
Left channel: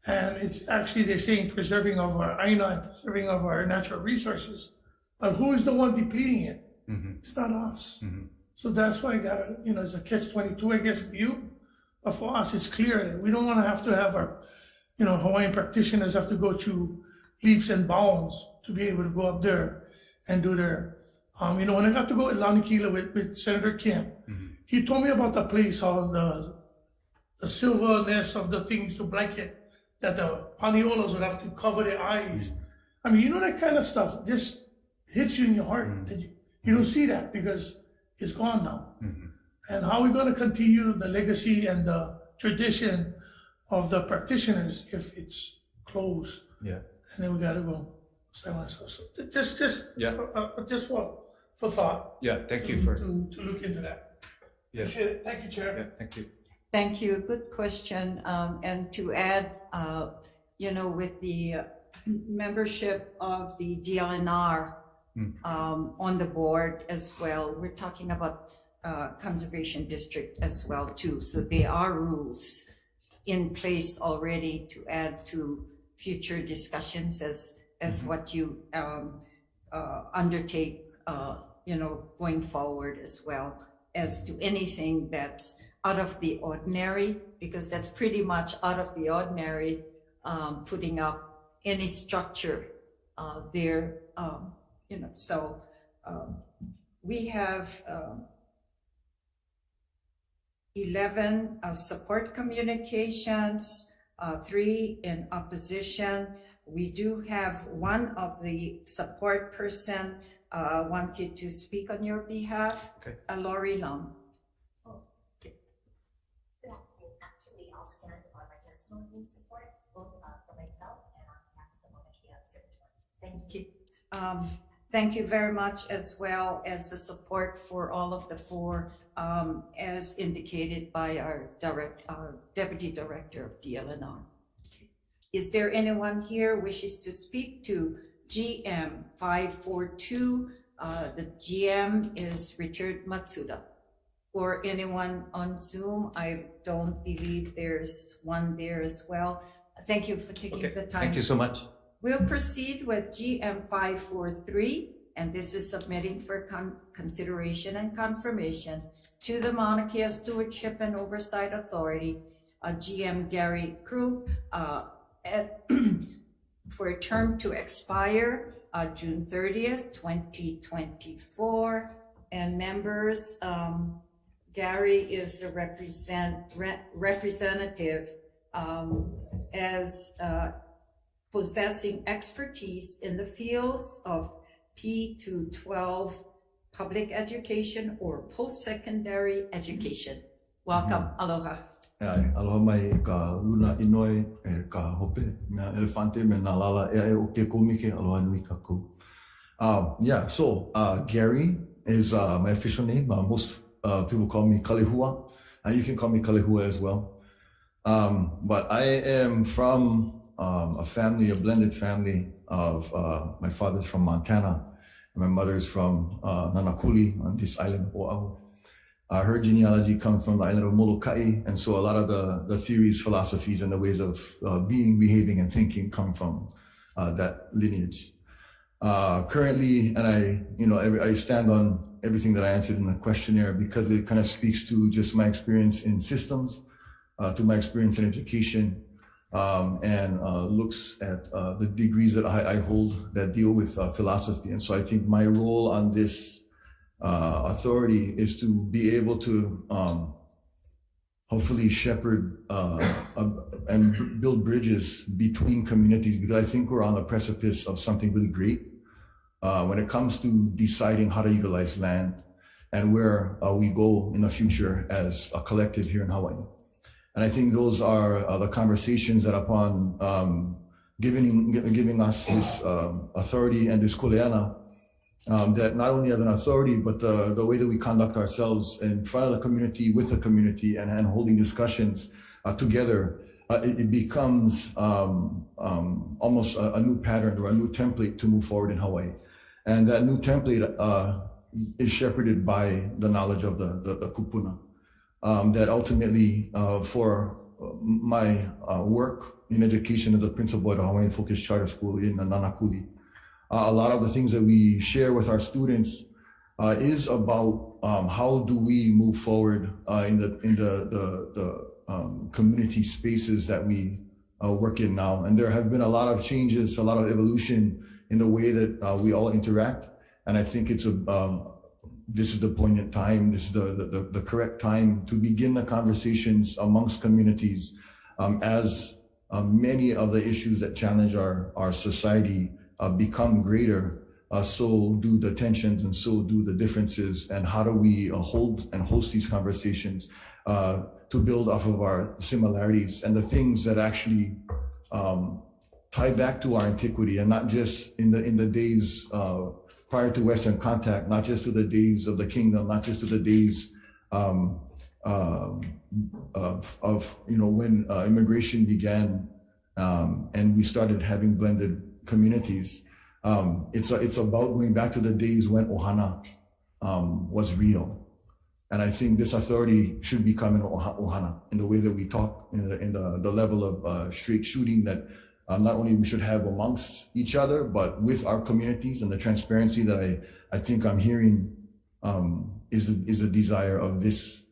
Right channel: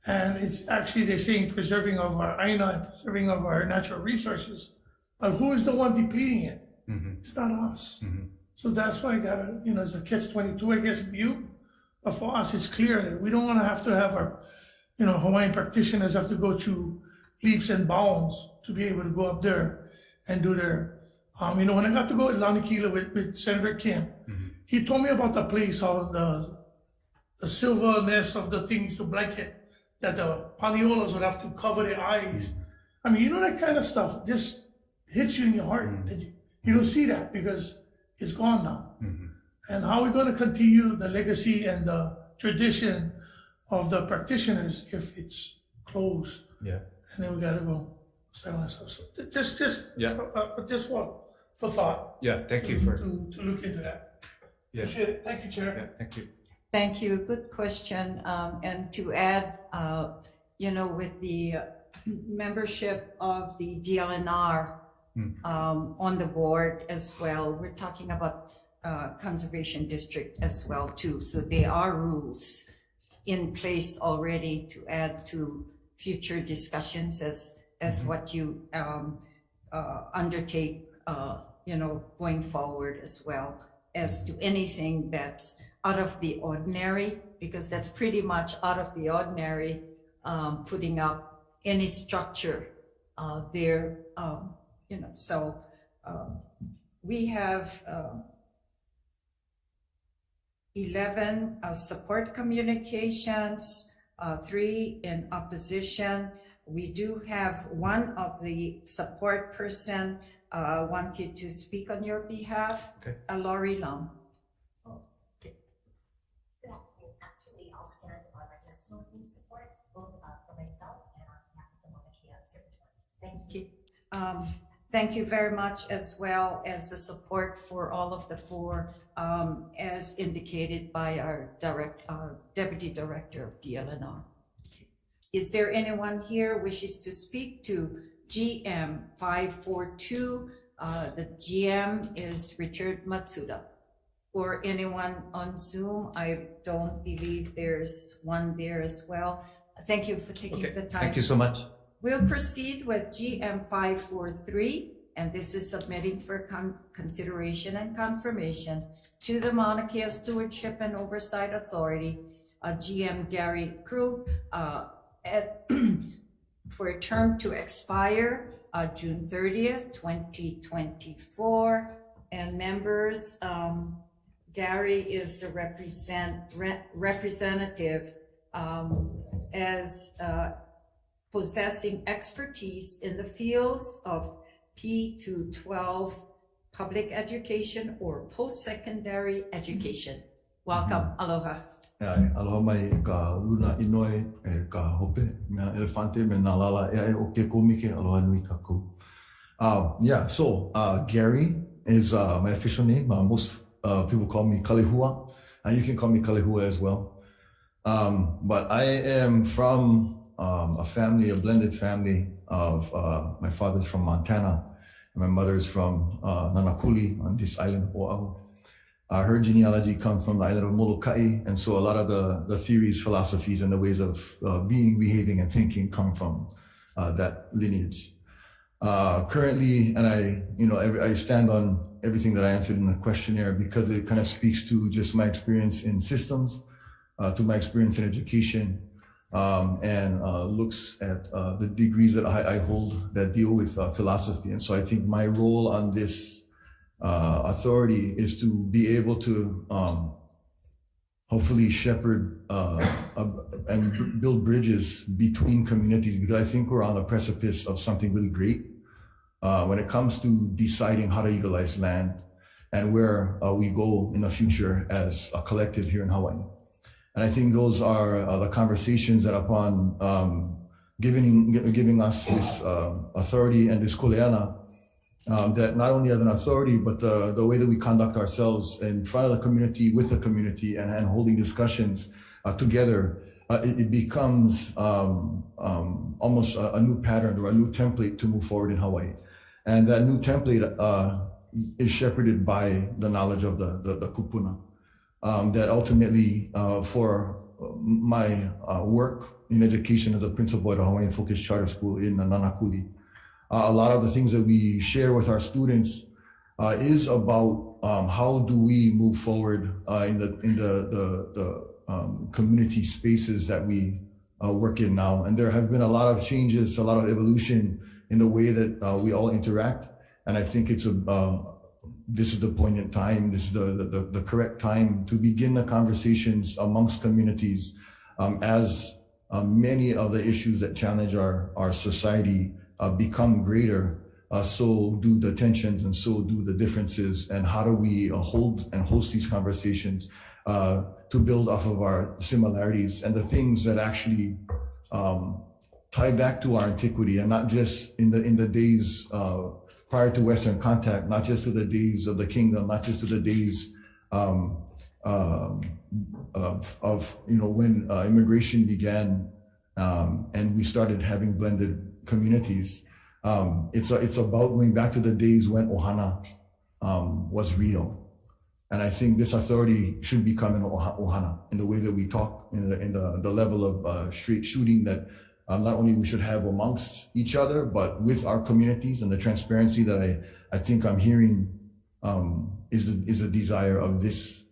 And it's actually, they're saying preserving of our aina and preserving of our natural resources. But who is the one depleting it? It's not us. So that's why I got to, you know, it's a catch-22, I guess, for you. But for us, it's clear that we don't want to have our, you know, Hawaiian practitioners have to go through leaps and bounds to be able to go up there and do their, you know, when I got to go with Lanikila with Senator Kim, he told me about the place, how the silverness of the things to blanket, that the paniolas would have to cover their eyes. I mean, you know, that kind of stuff just hits you in your heart. You don't see that because it's gone now. And how are we going to continue the legacy and the tradition of the practitioners if it's closed? And then we got to go silence us. So just for thought. Thank you for to look into that. Appreciate it. Thank you, Chair. thank you. Thank you. Good question. And to add, you know, with the membership of the DLNR on the board as well, we're talking about conservation district as well too. So there are rules in place already to add to future discussions as what you undertake, you know, going forward as well, as to anything that's out of the ordinary, because that's pretty much out of the ordinary, putting up any structure there, you know. So we have 11 support communications, 3 in opposition. We do have one of the support person wanted to speak on your behalf. Lori Long. Good afternoon. Actually, I'll stand on my testimony in support, both for myself and on behalf of the Mauna Kea observatories. Thank you. Thank you very much, as well as the support for all of the 4, as indicated by our Deputy Director of DLNR. Is there anyone here wishes to speak to GM 542? The GM is Richard Matsuda. Or anyone on Zoom? I don't believe there's one there as well. Thank you for taking the time. Thank you so much. We'll proceed with GM 543, and this is submitting for consideration and confirmation to the Mauna Kea Stewardship and Oversight Authority, GM Gary Krug, for a term to expire June 30th, 2024. And members, Gary is the representative as possessing expertise in the fields of P-12 public education or post-secondary education. Welcome, aloha. Aloha mai ka luna inoi ka hope me elefante me na lala e o ke komike aloha nui ka ku. So Gary is my official name. Most people call me Kalehua. You can call me Kalehua as well. But I am from a family, a blended family of my father's from Montana and my mother's from Nanakuli on this island of Oahu. Her genealogy comes from the island of Molokai, and so a lot of the theories, philosophies, and the ways of being, behaving, and thinking come from that lineage. Currently, and I stand on everything that I answered in the questionnaire because it kind of speaks to just my experience in systems, to my experience in education, and looks at the degrees that I hold that deal with philosophy. And so I think my role on this authority is to be able to hopefully shepherd and build bridges between communities, because I think we're on the precipice of something really great when it comes to deciding how to utilize land and where we go in the future as a collective here in Hawaii. And I think those are the conversations that upon giving us this authority and this kuleana, that not only as an authority, but the way that we conduct ourselves in front of the community, with the community, and holding discussions together, it becomes almost a new pattern or a new template to move forward in Hawaii. And that new template is shepherded by the knowledge of the kupuna. That ultimately, for my work in education as a principal at a Hawaiian Focused Charter School in Nanakuli, a lot of the things that we share with our students is about how do we move forward in the community spaces that we work in now. And there have been a lot of changes, a lot of evolution in the way that we all interact. And I think it's this is the poignant time, this is the correct time to begin the conversations amongst communities as many of the issues that challenge our society become greater, so do the tensions and so do the differences. And how do we hold and host these conversations to build off of our similarities and the things that actually tie back to our antiquity, and not just in the days prior to Western contact, not just to the days of the kingdom, not just to the days of when immigration began and we started having blended communities. It's about going back to the days when ohana was real. And I think this authority should become an ohana in the way that we talk, in the level of straight shooting that not only we should have amongst each other, but with our communities, and the transparency that I think I'm hearing is the desire of this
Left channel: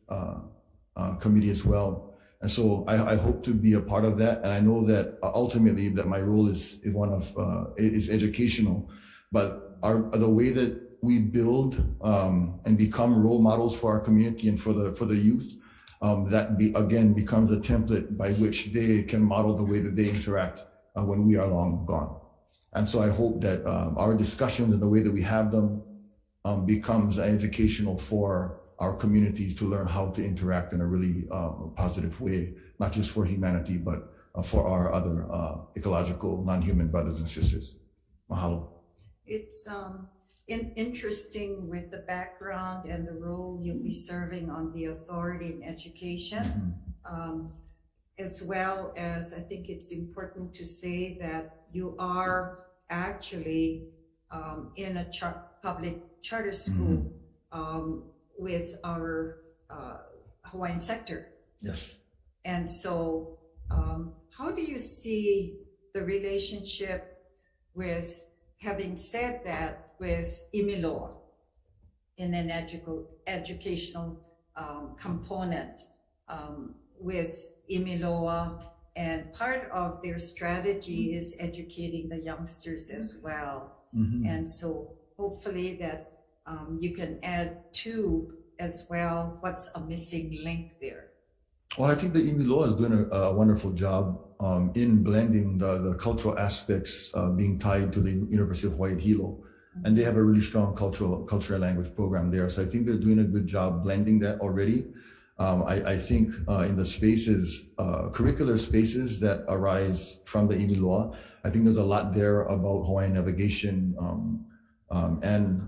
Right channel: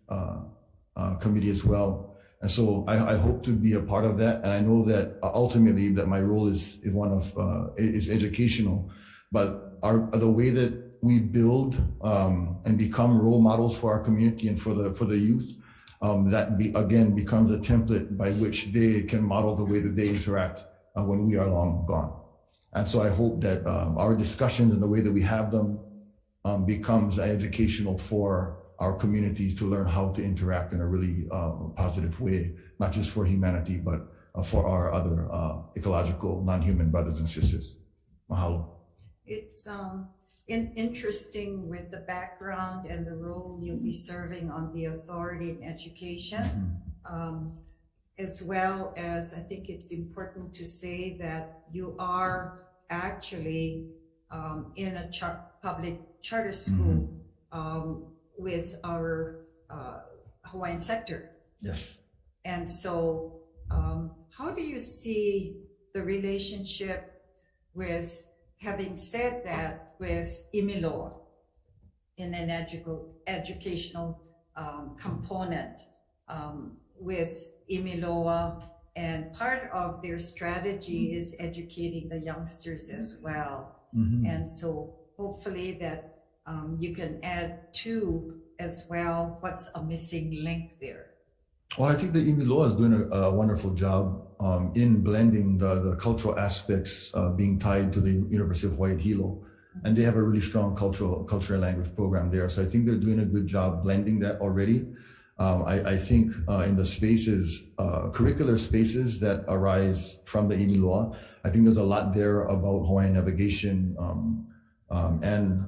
committee as well. And so I hope to be a part of that. And I know that ultimately that my role is one of is educational, but the way that we build and become role models for our community and for the youth, that again becomes a template by which they can model the way that they interact when we are long gone. And so I hope that our discussions and the way that we have them becomes educational for our communities to learn how to interact in a really positive way, not just for humanity, but for our other ecological, non-human brothers and sisters. Mahalo. It's interesting with the background and the role you'll be serving on the authority in education, as well as I think it's important to say that you are actually in a public charter school with our Hawaiian sector. Yes. And so how do you see the relationship with, having said that, with Imiloa in an educational component with Imiloa, and part of their strategy is educating the youngsters as well. And so hopefully that you can add to as well what's a missing link there. Well, I think the Imiloa is doing a wonderful job in blending the cultural aspects being tied to the University of Hawaii Hilo. And they have a really strong cultural and language program there. So I think they're doing a good job blending that already. I think in the spaces, curricular spaces that arise from the Imiloa, I think there's a lot there about Hawaiian navigation, and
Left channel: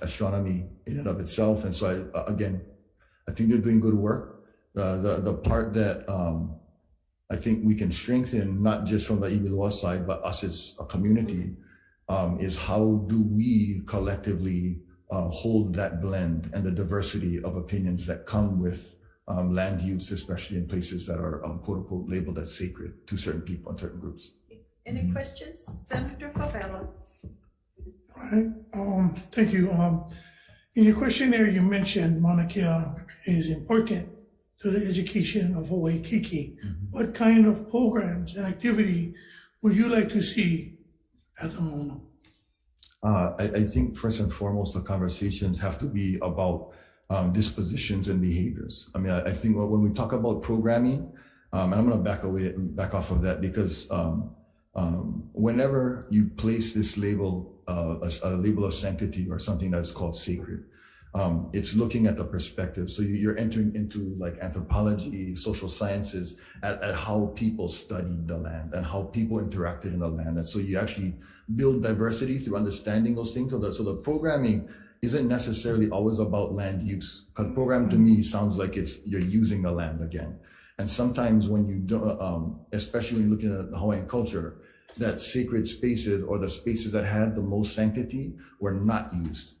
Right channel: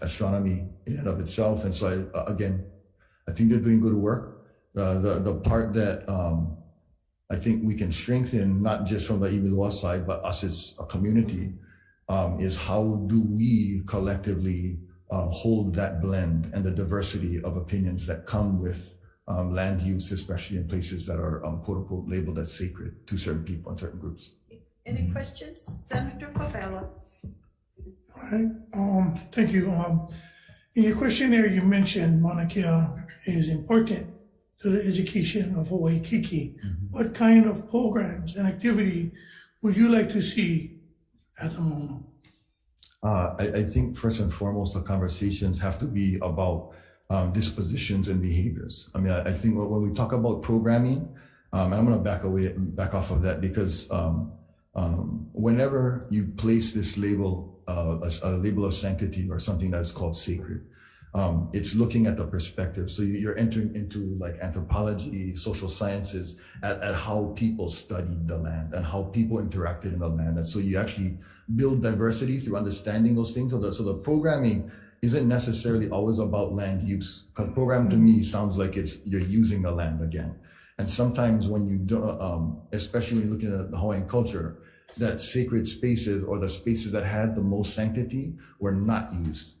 astronomy in and of itself. And so I think they're doing good work. The part that I think we can strengthen, not just from the Ibilua side, but us as a community, is how do we collectively hold that blend and the diversity of opinions that come with land use, especially in places that are quote unquote labeled as sacred to certain people and certain groups. Any questions? Senator Favela. All right, thank you. In your questionnaire, you mentioned Mauna Kea is important to the education of Hawaii Kiki. What kind of programs and activity would you like to see at the moment? I think first and foremost, the conversations have to be about dispositions and behaviors. I mean, I think when we talk about programming, and I'm going to back off of that, because whenever you place this label, a label of sanctity or something that's called sacred, it's looking at the perspective. So you're entering into like anthropology, social sciences, at how people studied the land and how people interacted in the land. And so you actually build diversity through understanding those things. So the programming isn't necessarily always about land use, because program to me sounds like you're using the land again. And sometimes when you do, especially when you're looking at the Hawaiian culture, that sacred spaces or the spaces that had the most sanctity were not used.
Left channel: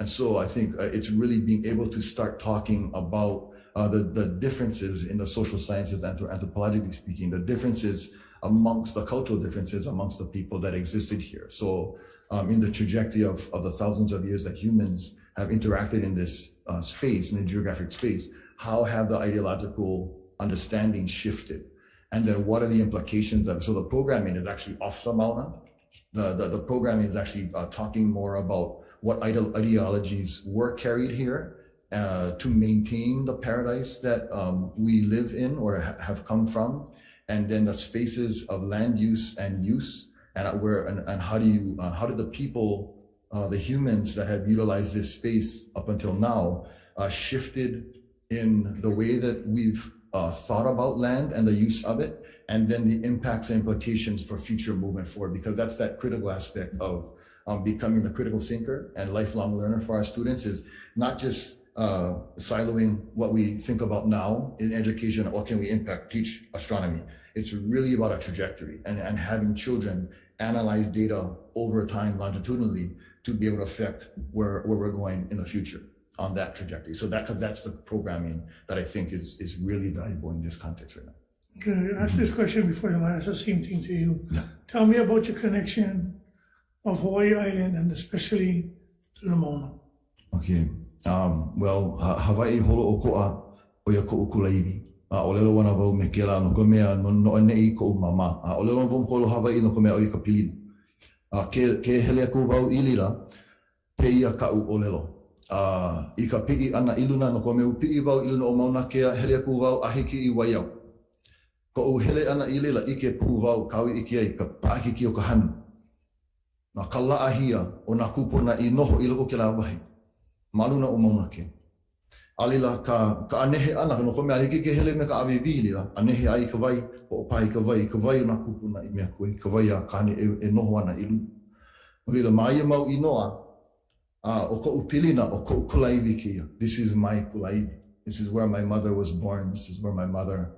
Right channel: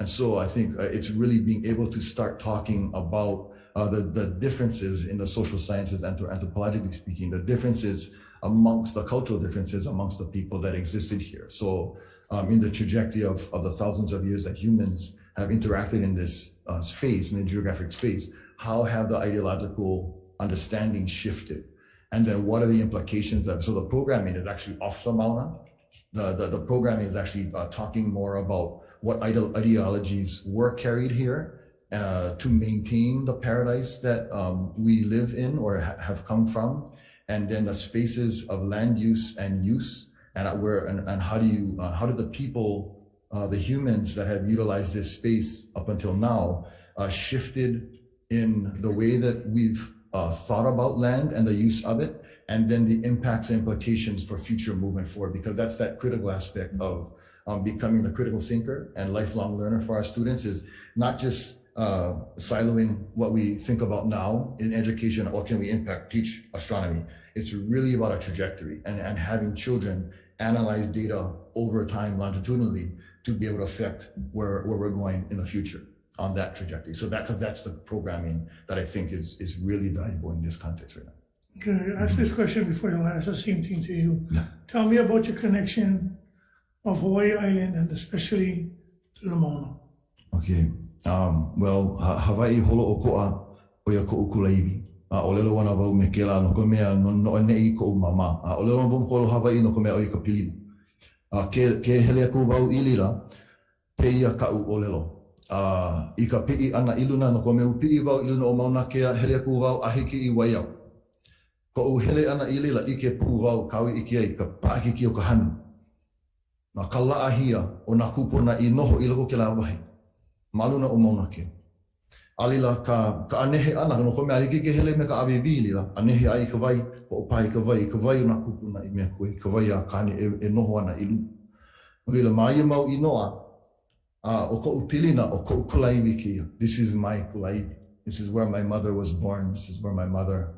And so I think it's really being able to start talking about the differences in the social sciences, anthropologically speaking, the differences amongst the cultural differences amongst the people that existed here. So in the trajectory of the thousands of years that humans have interacted in this space, in the geographic space, how have the ideological understanding shifted? And then what are the implications of, so the programming is actually off the Mauna. The programming is actually talking more about what ideologies were carried here to maintain the paradise that we live in or have come from, and then the spaces of land use and use, and how did the people, the humans that have utilized this space up until now, shifted in the way that we've thought about land and the use of it, and then the impacts and implications for future movement forward, because that's that critical aspect of becoming a critical thinker and lifelong learner for our students, is not just siloing what we think about now in education, or can we teach astronomy. It's really about a trajectory and having children analyze data over time longitudinally to be able to affect where we're going in the future on that trajectory. So because that's the programming that I think is really valuable in this context right now. Okay, ask this question before you ask the same thing to you. Yeah. Tell me about your connection of Hawaii Island and especially to the Mauna. Okay. Well, Hawaii holo o ko'a o ia ko'u kulairi. O lelo wana wau me kela no ko mea no nei ko'u mama. O lelo wau kolo Hawaii no ko mea o i ka pilina. Ke hele aku wau ilila pe ia ka'u o lelo. I ka pi'i ana iluna no ko mea pi'i wau iluna o Mauna Kea hele aku wau ahiki I waiau. Ko'u hele ana ilila I ke pu wau kawi iki ai ka pa'akiki o ka hanu. Na ka la'ahia o na kupuna I noho I loko ke la wahi. Maluna o Mauna Kea. Alila ka anehe ana no ko mea riki ke hele me ka awewi lila. Anehe ai ka wai o pai ka wai o na kupuna I mea koe. Ka wai a kani e noho ana ilu. Alila mai mau I noa. O ko'u pilina o ko'u kulaiwi kia. This is my kulaiwi. This is where my mother was born. This is where my mother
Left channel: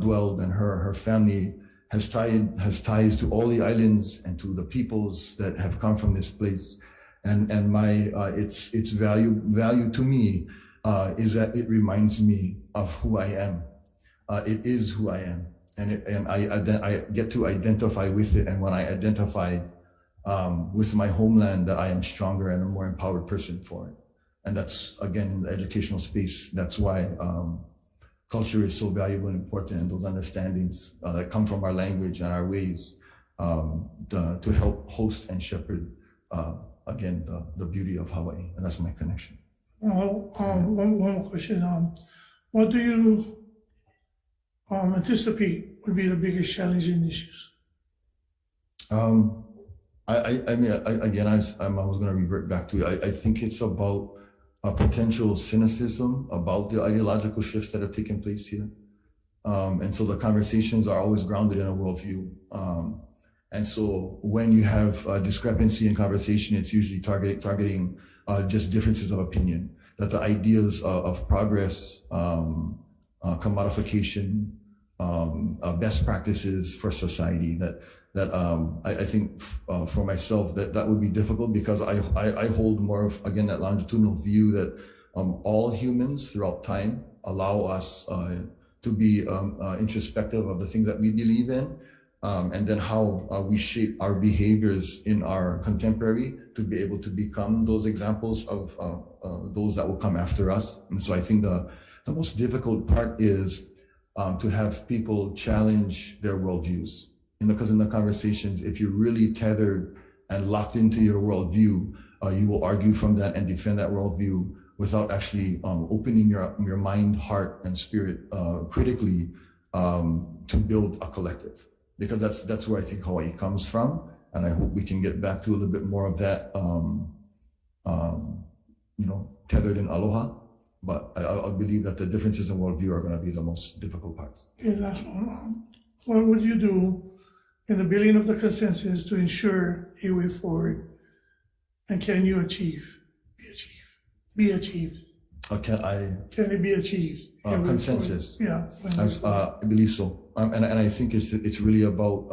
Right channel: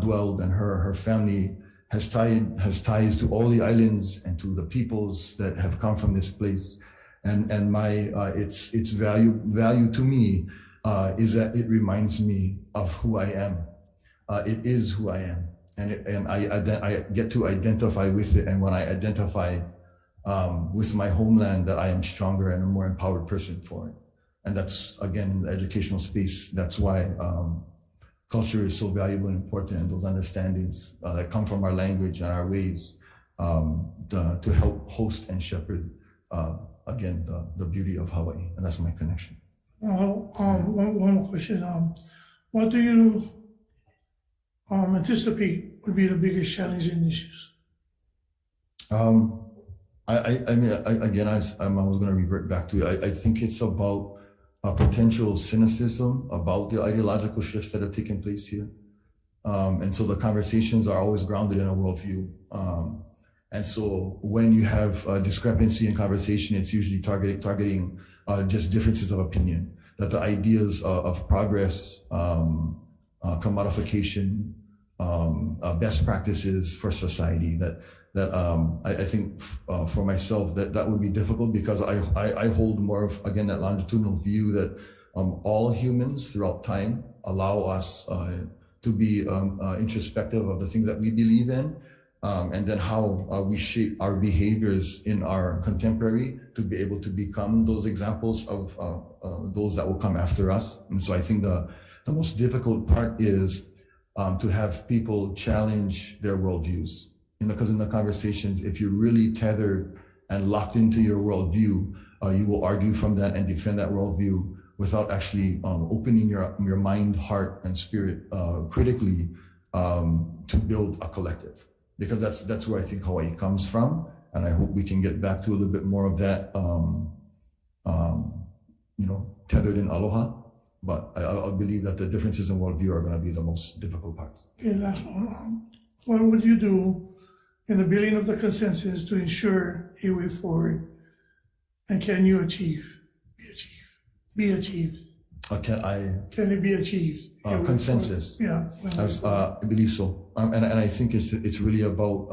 dwelled, and her family has ties to all the islands and to the peoples that have come from this place. And my its value to me is that it reminds me of who I am. It is who I am, and I get to identify with it. And when I identify with my homeland, that I am stronger and a more empowered person for it. And that's, again, the educational space. That's why culture is so valuable and important, and those understandings that come from our language and our ways to help host and shepherd, again, the beauty of Hawaii. And that's my connection. Well, one more question. What do you anticipate would be the biggest challenging issues? I mean, again, I was going to revert back to it. I think it's about a potential cynicism about the ideological shifts that have taken place here. And so the conversations are always grounded in a worldview. And so when you have a discrepancy in conversation, it's usually targeting just differences of opinion, that the ideas of progress, commodification, best practices for society, I think for myself that would be difficult, because I hold more of, again, that longitudinal view that all humans throughout time allow us to be introspective of the things that we believe in, and then how we shape our behaviors in our contemporary to be able to become those examples of those that will come after us. And so I think the most difficult part is to have people challenge their worldviews. Because in the conversations, if you're really tethered and locked into your worldview, you will argue from that and defend that worldview without actually opening your mind, heart, and spirit critically to build a collective. Because that's where I think Hawaii comes from, and I hope we can get back to a little bit more of that, tethered in aloha. But I believe that the differences in worldview are going to be the most difficult parts. Okay, last one. What would you do in the building of the consensus to ensure a way forward? And can you be achieved? Can it be achieved? Consensus. Yeah. I believe so. And I think it's really about,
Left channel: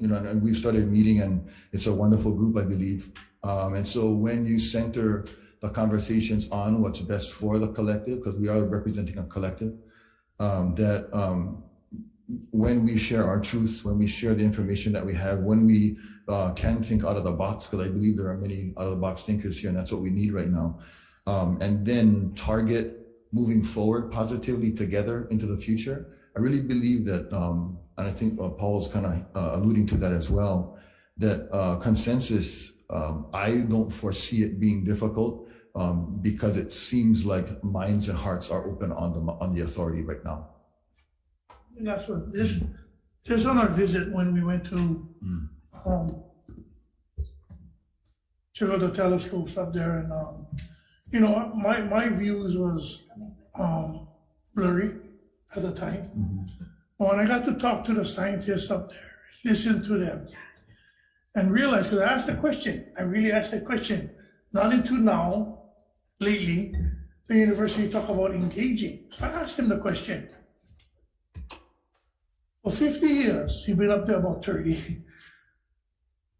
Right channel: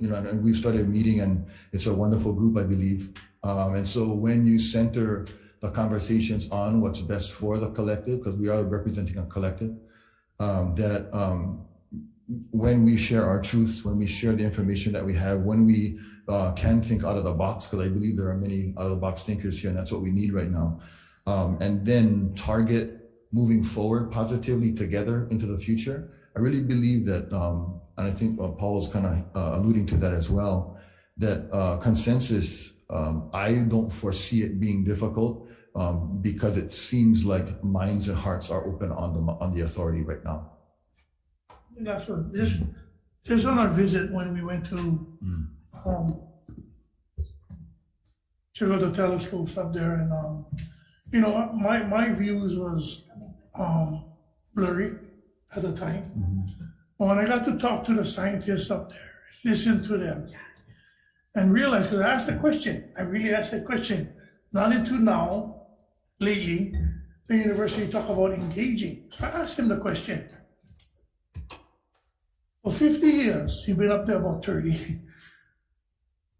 and we've started meeting, and it's a wonderful group, I believe. And so when you center the conversations on what's best for the collective, because we are representing a collective, when we share our truths, when we share the information that we have, when we can think out of the box, because I believe there are many out of the box thinkers here, and that's what we need right now. And then target moving forward positively together into the future. I really believe that, and I think Paul's kind of alluding to that as well, that consensus, I don't foresee it being difficult, because it seems like minds and hearts are open on the authority right now. And that's what, just on our visit when we went to check out the telescopes up there, and my views was blurry at the time. But when I got to talk to the scientists up there, listen to them, and realize, because I asked a question, I really asked that question, not until now, lately, the university talk about engaging. So I asked him the question. For 50 years, you've been up there about 30.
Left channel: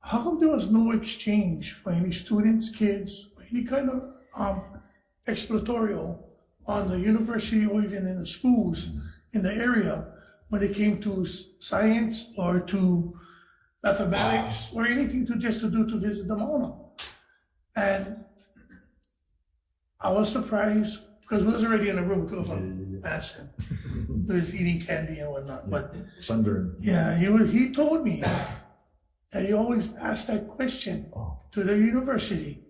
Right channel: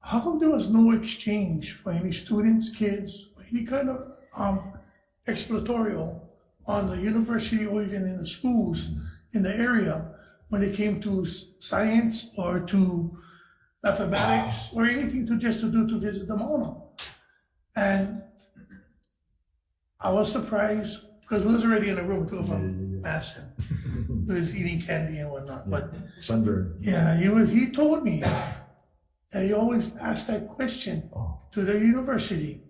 How come there was no exchange for any students, kids, or any kind of exploratorial on the university or even in the schools in the area when it came to science or to mathematics or anything to visit the Mauna? And I was surprised, because we was already in a room with him. Asked him. He was eating candy and whatnot. But sunburn. Yeah, he told me that he always asked that question to the university,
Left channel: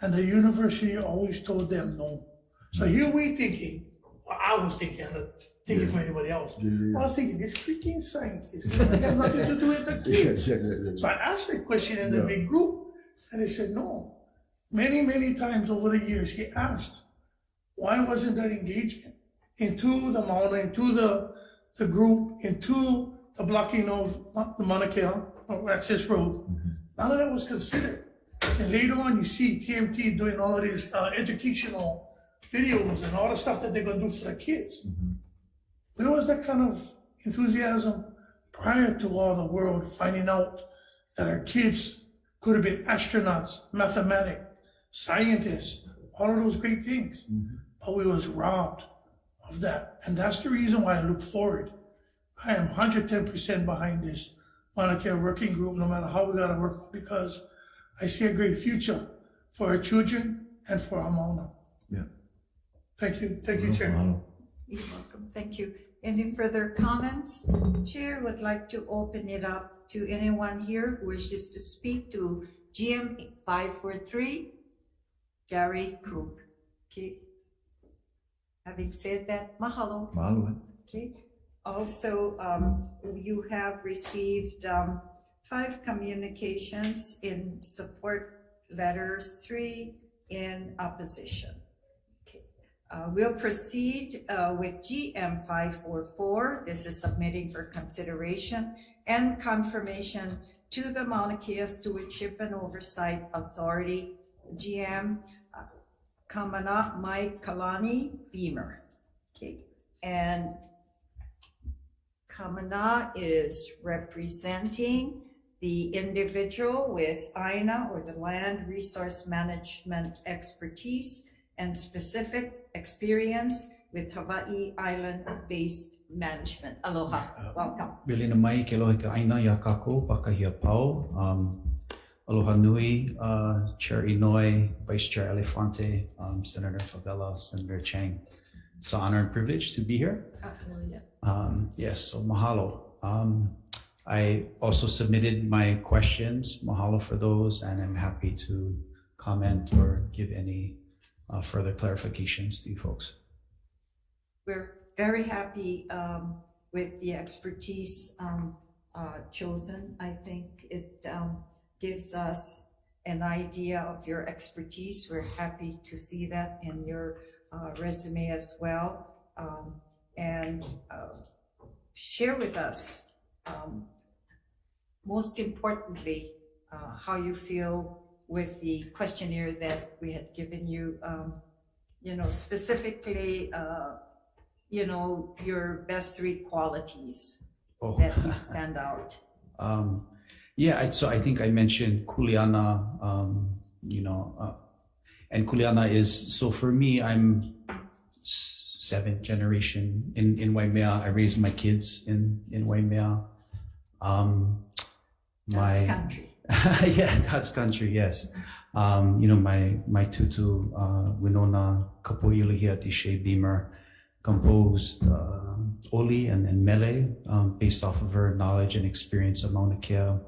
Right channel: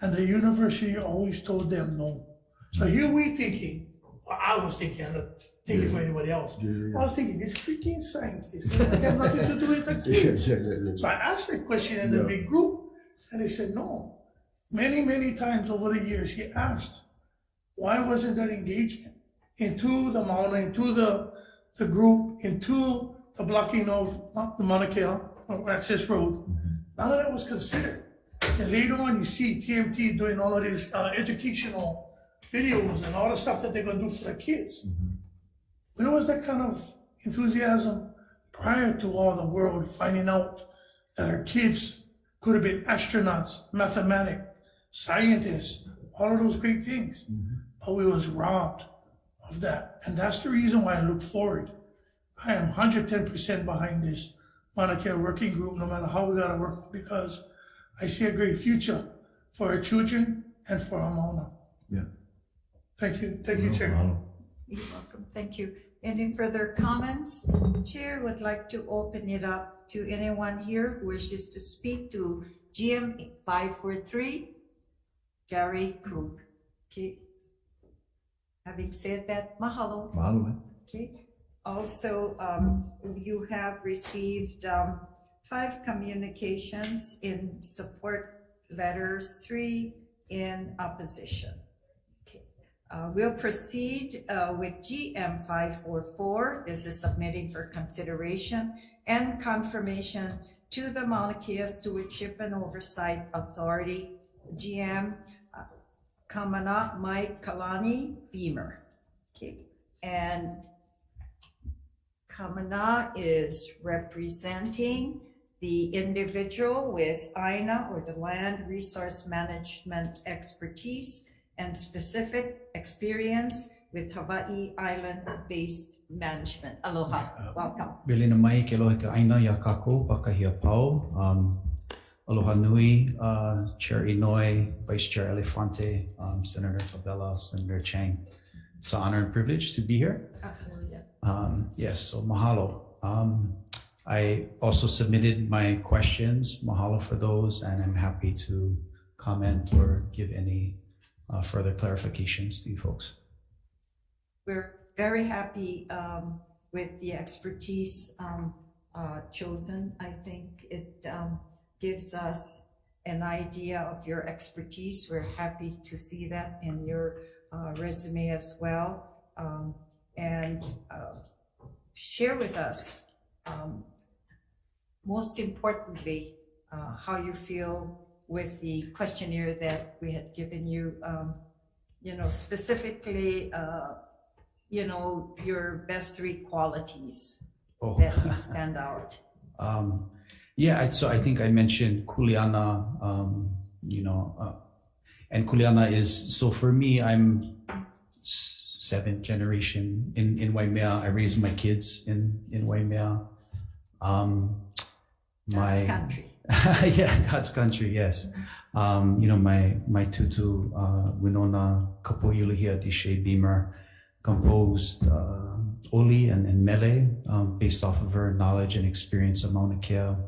and the university always told them no. So here we thinking, well, I was thinking, I'm not thinking for anybody else. I was thinking, these freaking scientists, they have nothing to do with the kids. So I asked that question in the big group, and they said no. Many, many times over the years, he asked, why wasn't that engagement into the Mauna, into the group, into the blocking of the Mauna Kea access road? None of that was considered. And later on, you see TMT doing all of these educational videos and all the stuff that they're going to do for the kids. Where was that kind of enthusiasm prior to all the world finding out that our kids could have been astronauts, mathematics, scientists, all of those great things? But we was robbed of that. And that's the reason why I look forward. I am 110% behind this Mauna Kea working group, no matter how we got to work, because I see a great future for our children and for our Mauna. Yeah. Thank you. Thank you, Chairman. You're welcome. Thank you. Any further comments? Chair would like to open it up to anyone here who wishes to speak to GM 543, Gary Krug. Okay. Having said that, mahalo. Mahalo. Okay. Also, you have received 5 communications in support letters, 3 in opposition. Okay. We'll proceed with GM 544. This is submitting for consideration and confirmation to the Mauna Kea Stewardship and Oversight Authority, GM Kamana Mai Kalani Beamer. Okay, and Kamana is representing the individual with AINA, or the Land Resource Management expertise and specific experience with Hawaii Island-based management. Aloha, welcome. Bili na mai ke lohe ka aina ya kako pakahia pau. Aloha nui, Chair Inouye, Vice Chair Elefante, Senator Favela, Senator Chang. It's an honor and privilege to be here. Yes, so mahalo. I also submitted my questions. Mahalo for those, and I'm happy to comment or give any further clarifications to you folks. We're very happy with the expertise chosen. I think it gives us an idea of your expertise. We're happy to see that in your resume as well. And share with us, most importantly, how you feel with the questionnaire that we had given you, specifically, your best 3 qualities that you stand out. So I think I mentioned kuleana, and kuleana is, so for me, I'm 7th generation in Waimea. I raised my kids in Waimea. God's country. Yeah, God's country, yes. My tutu, Winona Kapo'ilahia Dishe Beamer, composed Oli and Mele based off of her knowledge and experience of Mauna Kea.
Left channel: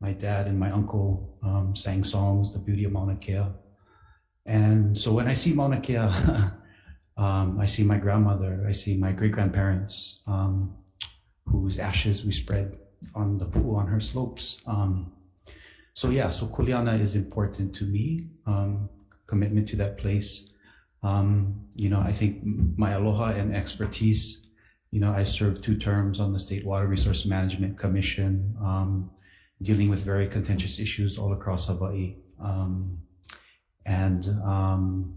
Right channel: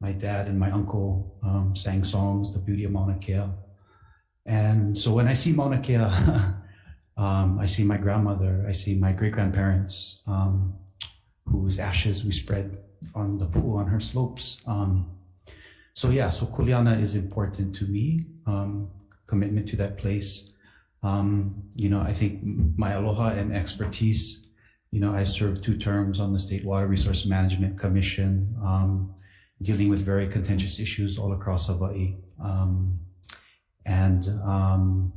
My dad and my uncle sang songs, The Beauty of Mauna Kea. And so when I see Mauna Kea, I see my grandmother, I see my great-grandparents, whose ashes we spread on the pool on her slopes. So kuleana is important to me, commitment to that place. I think my aloha and expertise, I served 2 terms on the State Water Resource Management Commission, dealing with very contentious issues all across Hawaii.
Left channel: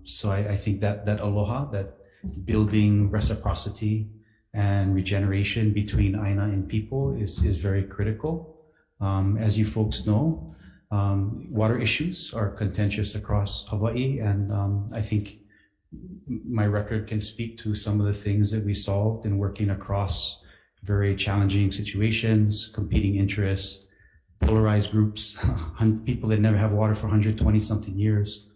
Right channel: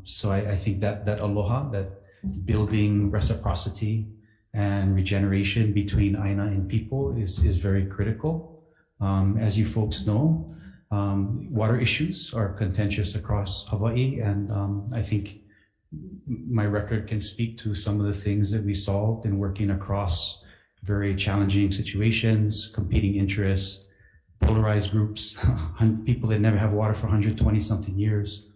So I think that aloha, that building reciprocity and regeneration between aina and people is very critical. As you folks know, water issues are contentious across Hawaii, and I think my record can speak to some of the things that we solved in working across very challenging situations, competing interests, polarized groups, people that never have water for 120 something years.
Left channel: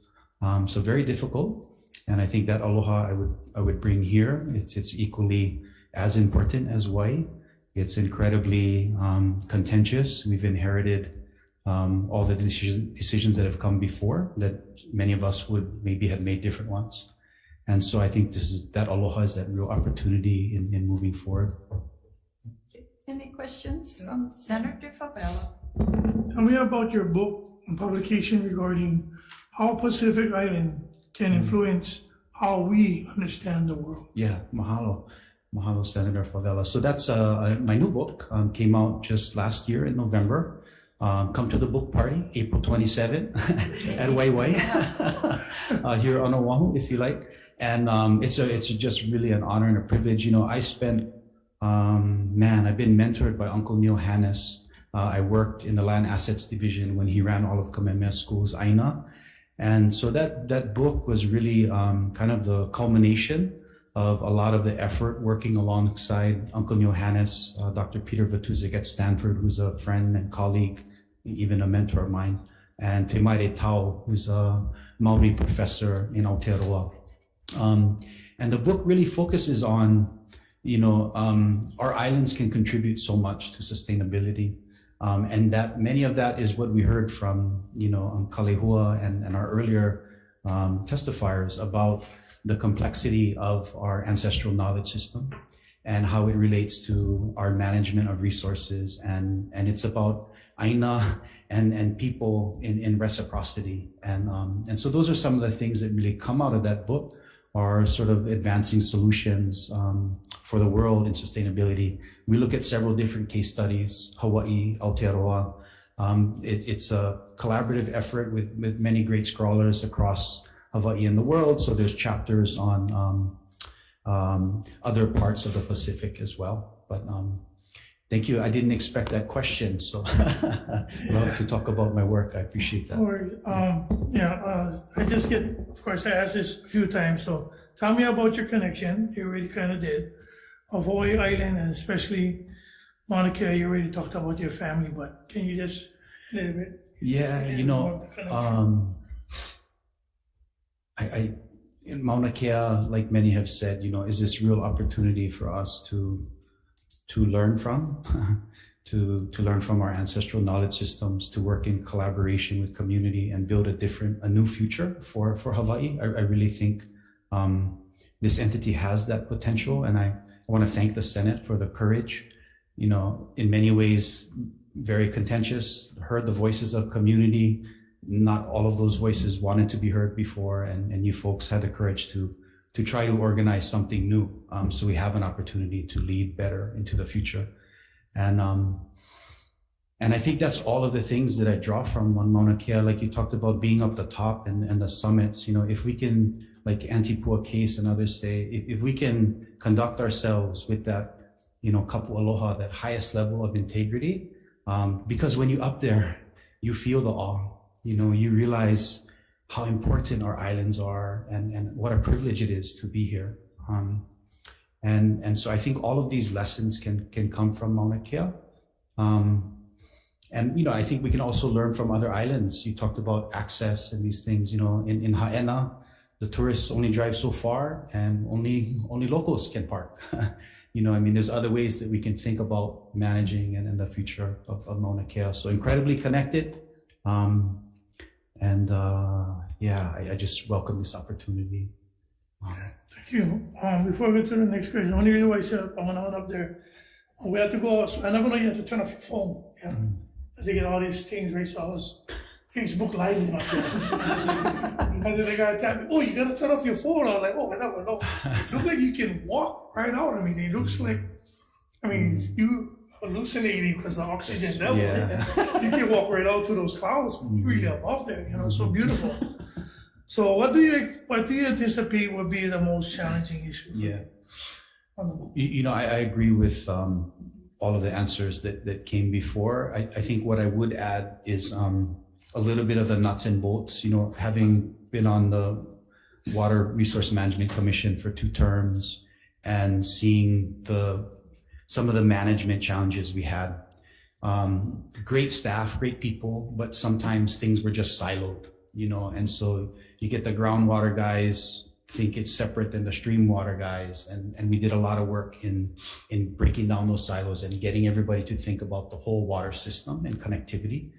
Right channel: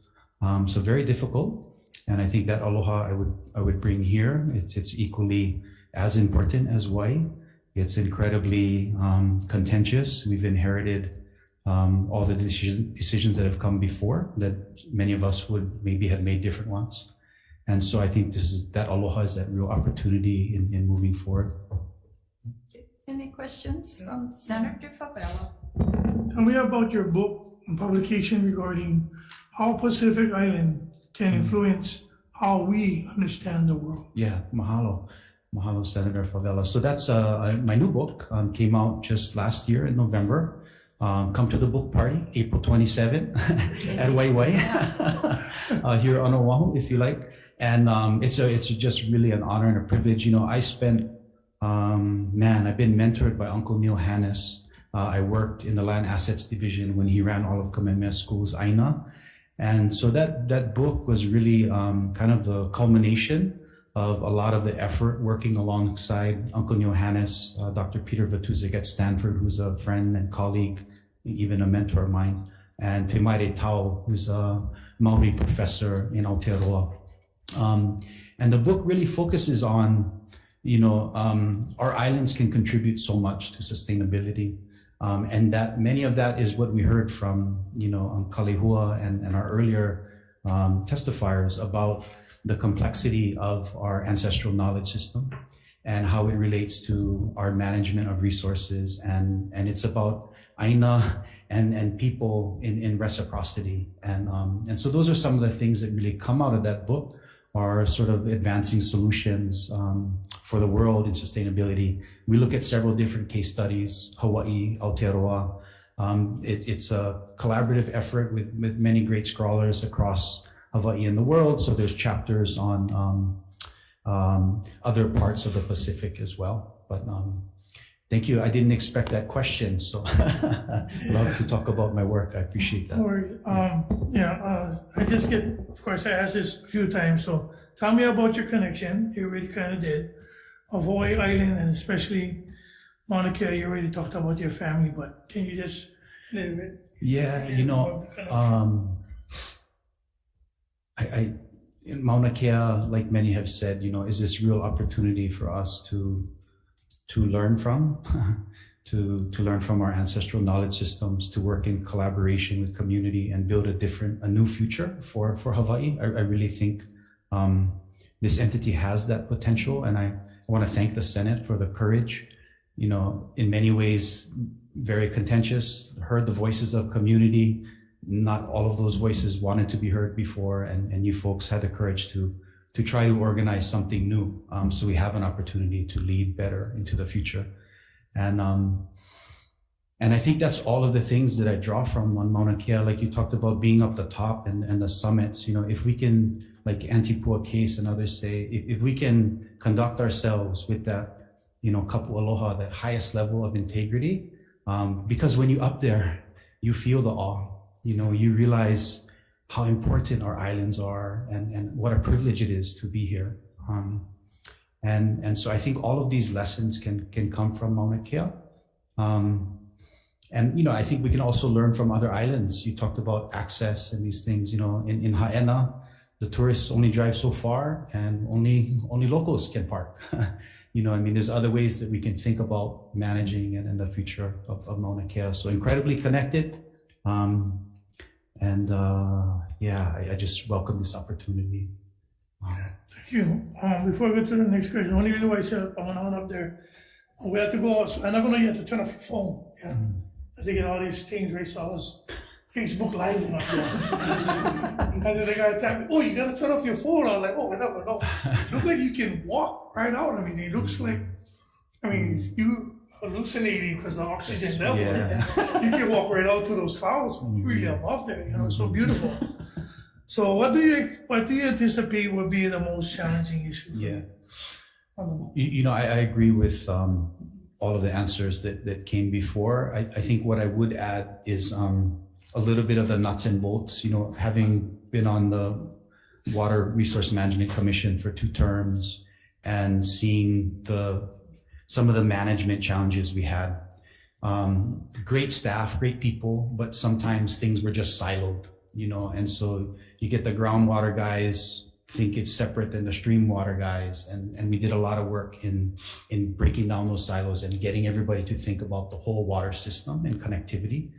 So very difficult. And I think that aloha I would bring here. It's equally as important as Hawaii. It's incredibly contentious. We've inherited all the decisions that have come before, that many of us would maybe have made different ones. And so I think that aloha is that real opportunity in moving forward. Any questions from Senator Favela? Tell me about your book and publication regarding how Pacific Island can influence how we understand the world. Yeah, mahalo. Mahalo, Senator Favela. So that's my new book, came out just last year in November. Come to the book party, April 27 at Waiwai here on Oahu, if you like. And it's just really an honor and a privilege. I spent, I've been mentored by Uncle Neil Hannes. I worked in the Land Assets Division when he ran all of Kamehameha School's AINA. And so that book was really kind of the culmination of a lot of the effort working alongside Uncle Neil Hannes, Dr. Peter Vatuzik at Stanford, who's a friend and colleague, even a mentor of mine, and Te Maire Tau, who's a Maori professor in Aotearoa. And the book really focuses on, our islands can contribute so much to sustainability. And that many of that is what we heard from, Kalehua and our earlier testifiers about the complexity of our ancestral knowledge system and how it relates to our management of resources. And it's about aina and people in reciprocity. And so those are some of the things that really come out of that book, are sort of advancing solutions for the world in sustainability. We look at several different case studies, Hawaii, Aotearoa, It's a collaborative effort with many great scholars across Hawaii and the world. So there's chapters on other parts of the Pacific as well. But thank you. I didn't expect that question, so love to talk about my work. I appreciate that. No worries. I just get, of course, I asked this a few times. So tell me about your connection. You already kind of did, of Hawaii Island, and especially Mauna Kea. You already talked about your family, but can you just a little bit? Yeah, you know, I in Mauna Kea, like many have said, you know, is this real opportunity for us to learn from, to learn from our ancestral knowledge systems, to work in collaboration with community and build a new future for Hawaii. I really think this entity has that potential, and I want to thank the Senate for the courage. You know, in many ways, very contentious, heard the voices of community. Not all of those voices wanted to be heard before, and you folks had the courage to try to organize something new, so we have an opportunity to lead better into the future. And I think that's all of the things that I draw from on Mauna Kea. Like you talked about being up the top and the summits, you know, if we can, like Antipua Case and others say, if we can conduct ourselves with that, you know, kapu aloha, that highest level of integrity, because when you're up there, you feel the awe, you know, you realize how important our islands are and what a privilege it is to be here. And so I think all of these lessons can come from Mauna Kea. And, you know, I think we can also learn from other islands. You talked about access and these things, you know, in Haena, the tourists only drive so far and only locals can park. You know, I mean, there's other ways that we can think about managing and in the future of Mauna Kea. So incredibly connected. I just welcome this opportunity. Thank you. Before we go to the next question, only reason why I said I went on up there, we have to go, so I never know you have to turn off your phone, you know, because they get all these things, right? So I was Facebook Live up there. And then the guy tapped me, oh, you got to turn off your phone. I was like, oh, I never know. It looks like you can walk right out. I mean, it looks like, I mean, you hallucinating because the oxygen level, you can walk right out to those clouds. Really above there, you know, so beautiful. So what do you anticipate would be the most challenging issue for you on the boat? You know, I agree with all of the answers that came before. I think what I would add is a little bit of the nuts and bolts. You know, having been on the Water Resource Management Commission for 2 terms and seeing some of the management challenges we had. Great staff, great people, but sometimes things were just siloed, you know, and so you get the groundwater guys think it's separate than the stream water guys, and we did a lot of work in breaking down those silos and getting everybody to think about the whole water system and connectivity.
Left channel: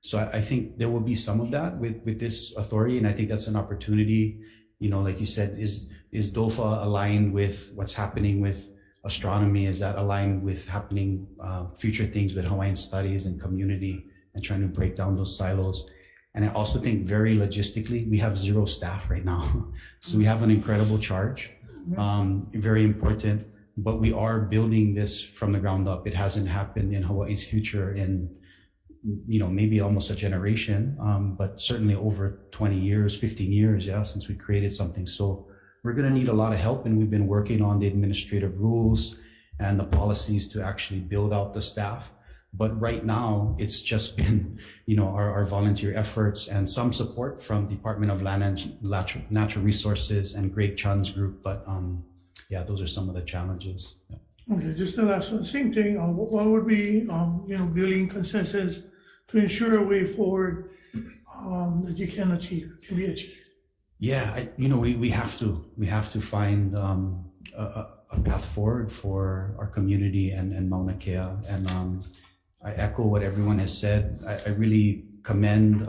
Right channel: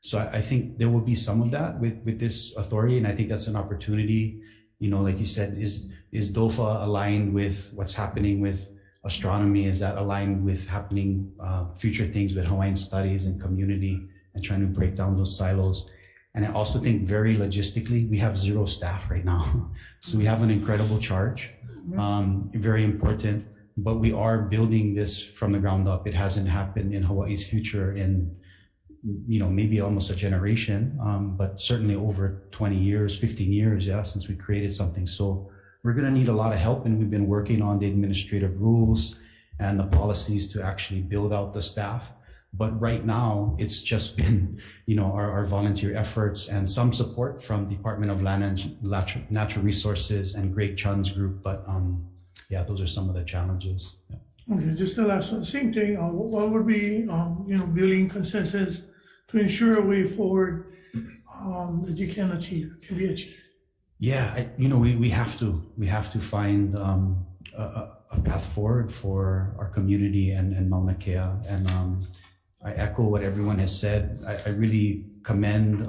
So I think there will be some of that with this authority, and I think that's an opportunity. You know, like you said, is DOFA aligned with what's happening with astronomy? Is that aligned with happening future things with Hawaiian studies and community and trying to break down those silos? And I also think very logistically, we have 0 staff right now. So we have an incredible charge, very important, but we are building this from the ground up. It hasn't happened in Hawaii's future in, you know, maybe almost a generation, but certainly over 20 years, 15 years, since we created something. So we're going to need a lot of help, and we've been working on the administrative rules and the policies to actually build out the staff. But right now, it's just been, you know, our volunteer efforts and some support from Department of Land and Natural Resources and Greg Chun's group. But those are some of the challenges. Yeah. Okay, just the last one. Same thing. What would be, you know, building consensus to ensure a way forward that you can be achieved? Yeah, we have to find a path forward for our community and Mauna Kea. And I echo what everyone has said. I really commend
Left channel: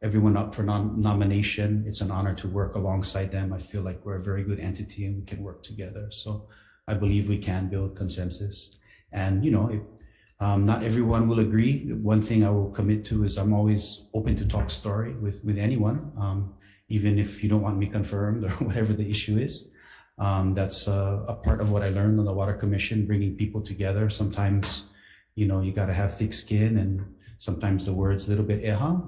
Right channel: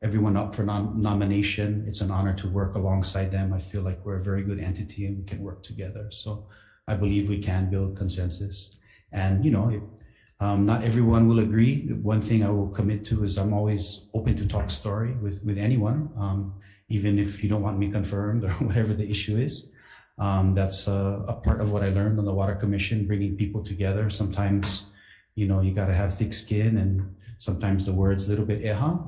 everyone up for nomination. It's an honor to work alongside them. I feel like we're a very good entity and we can work together. So I believe we can build consensus. And, you know, not everyone will agree. One thing I will commit to is I'm always open to talk story with anyone, even if you don't want me confirmed or whatever the issue is. That's a part of what I learned on the Water Commission, bringing people together. Sometimes, you know, you got to have thick skin and sometimes the word's a little bit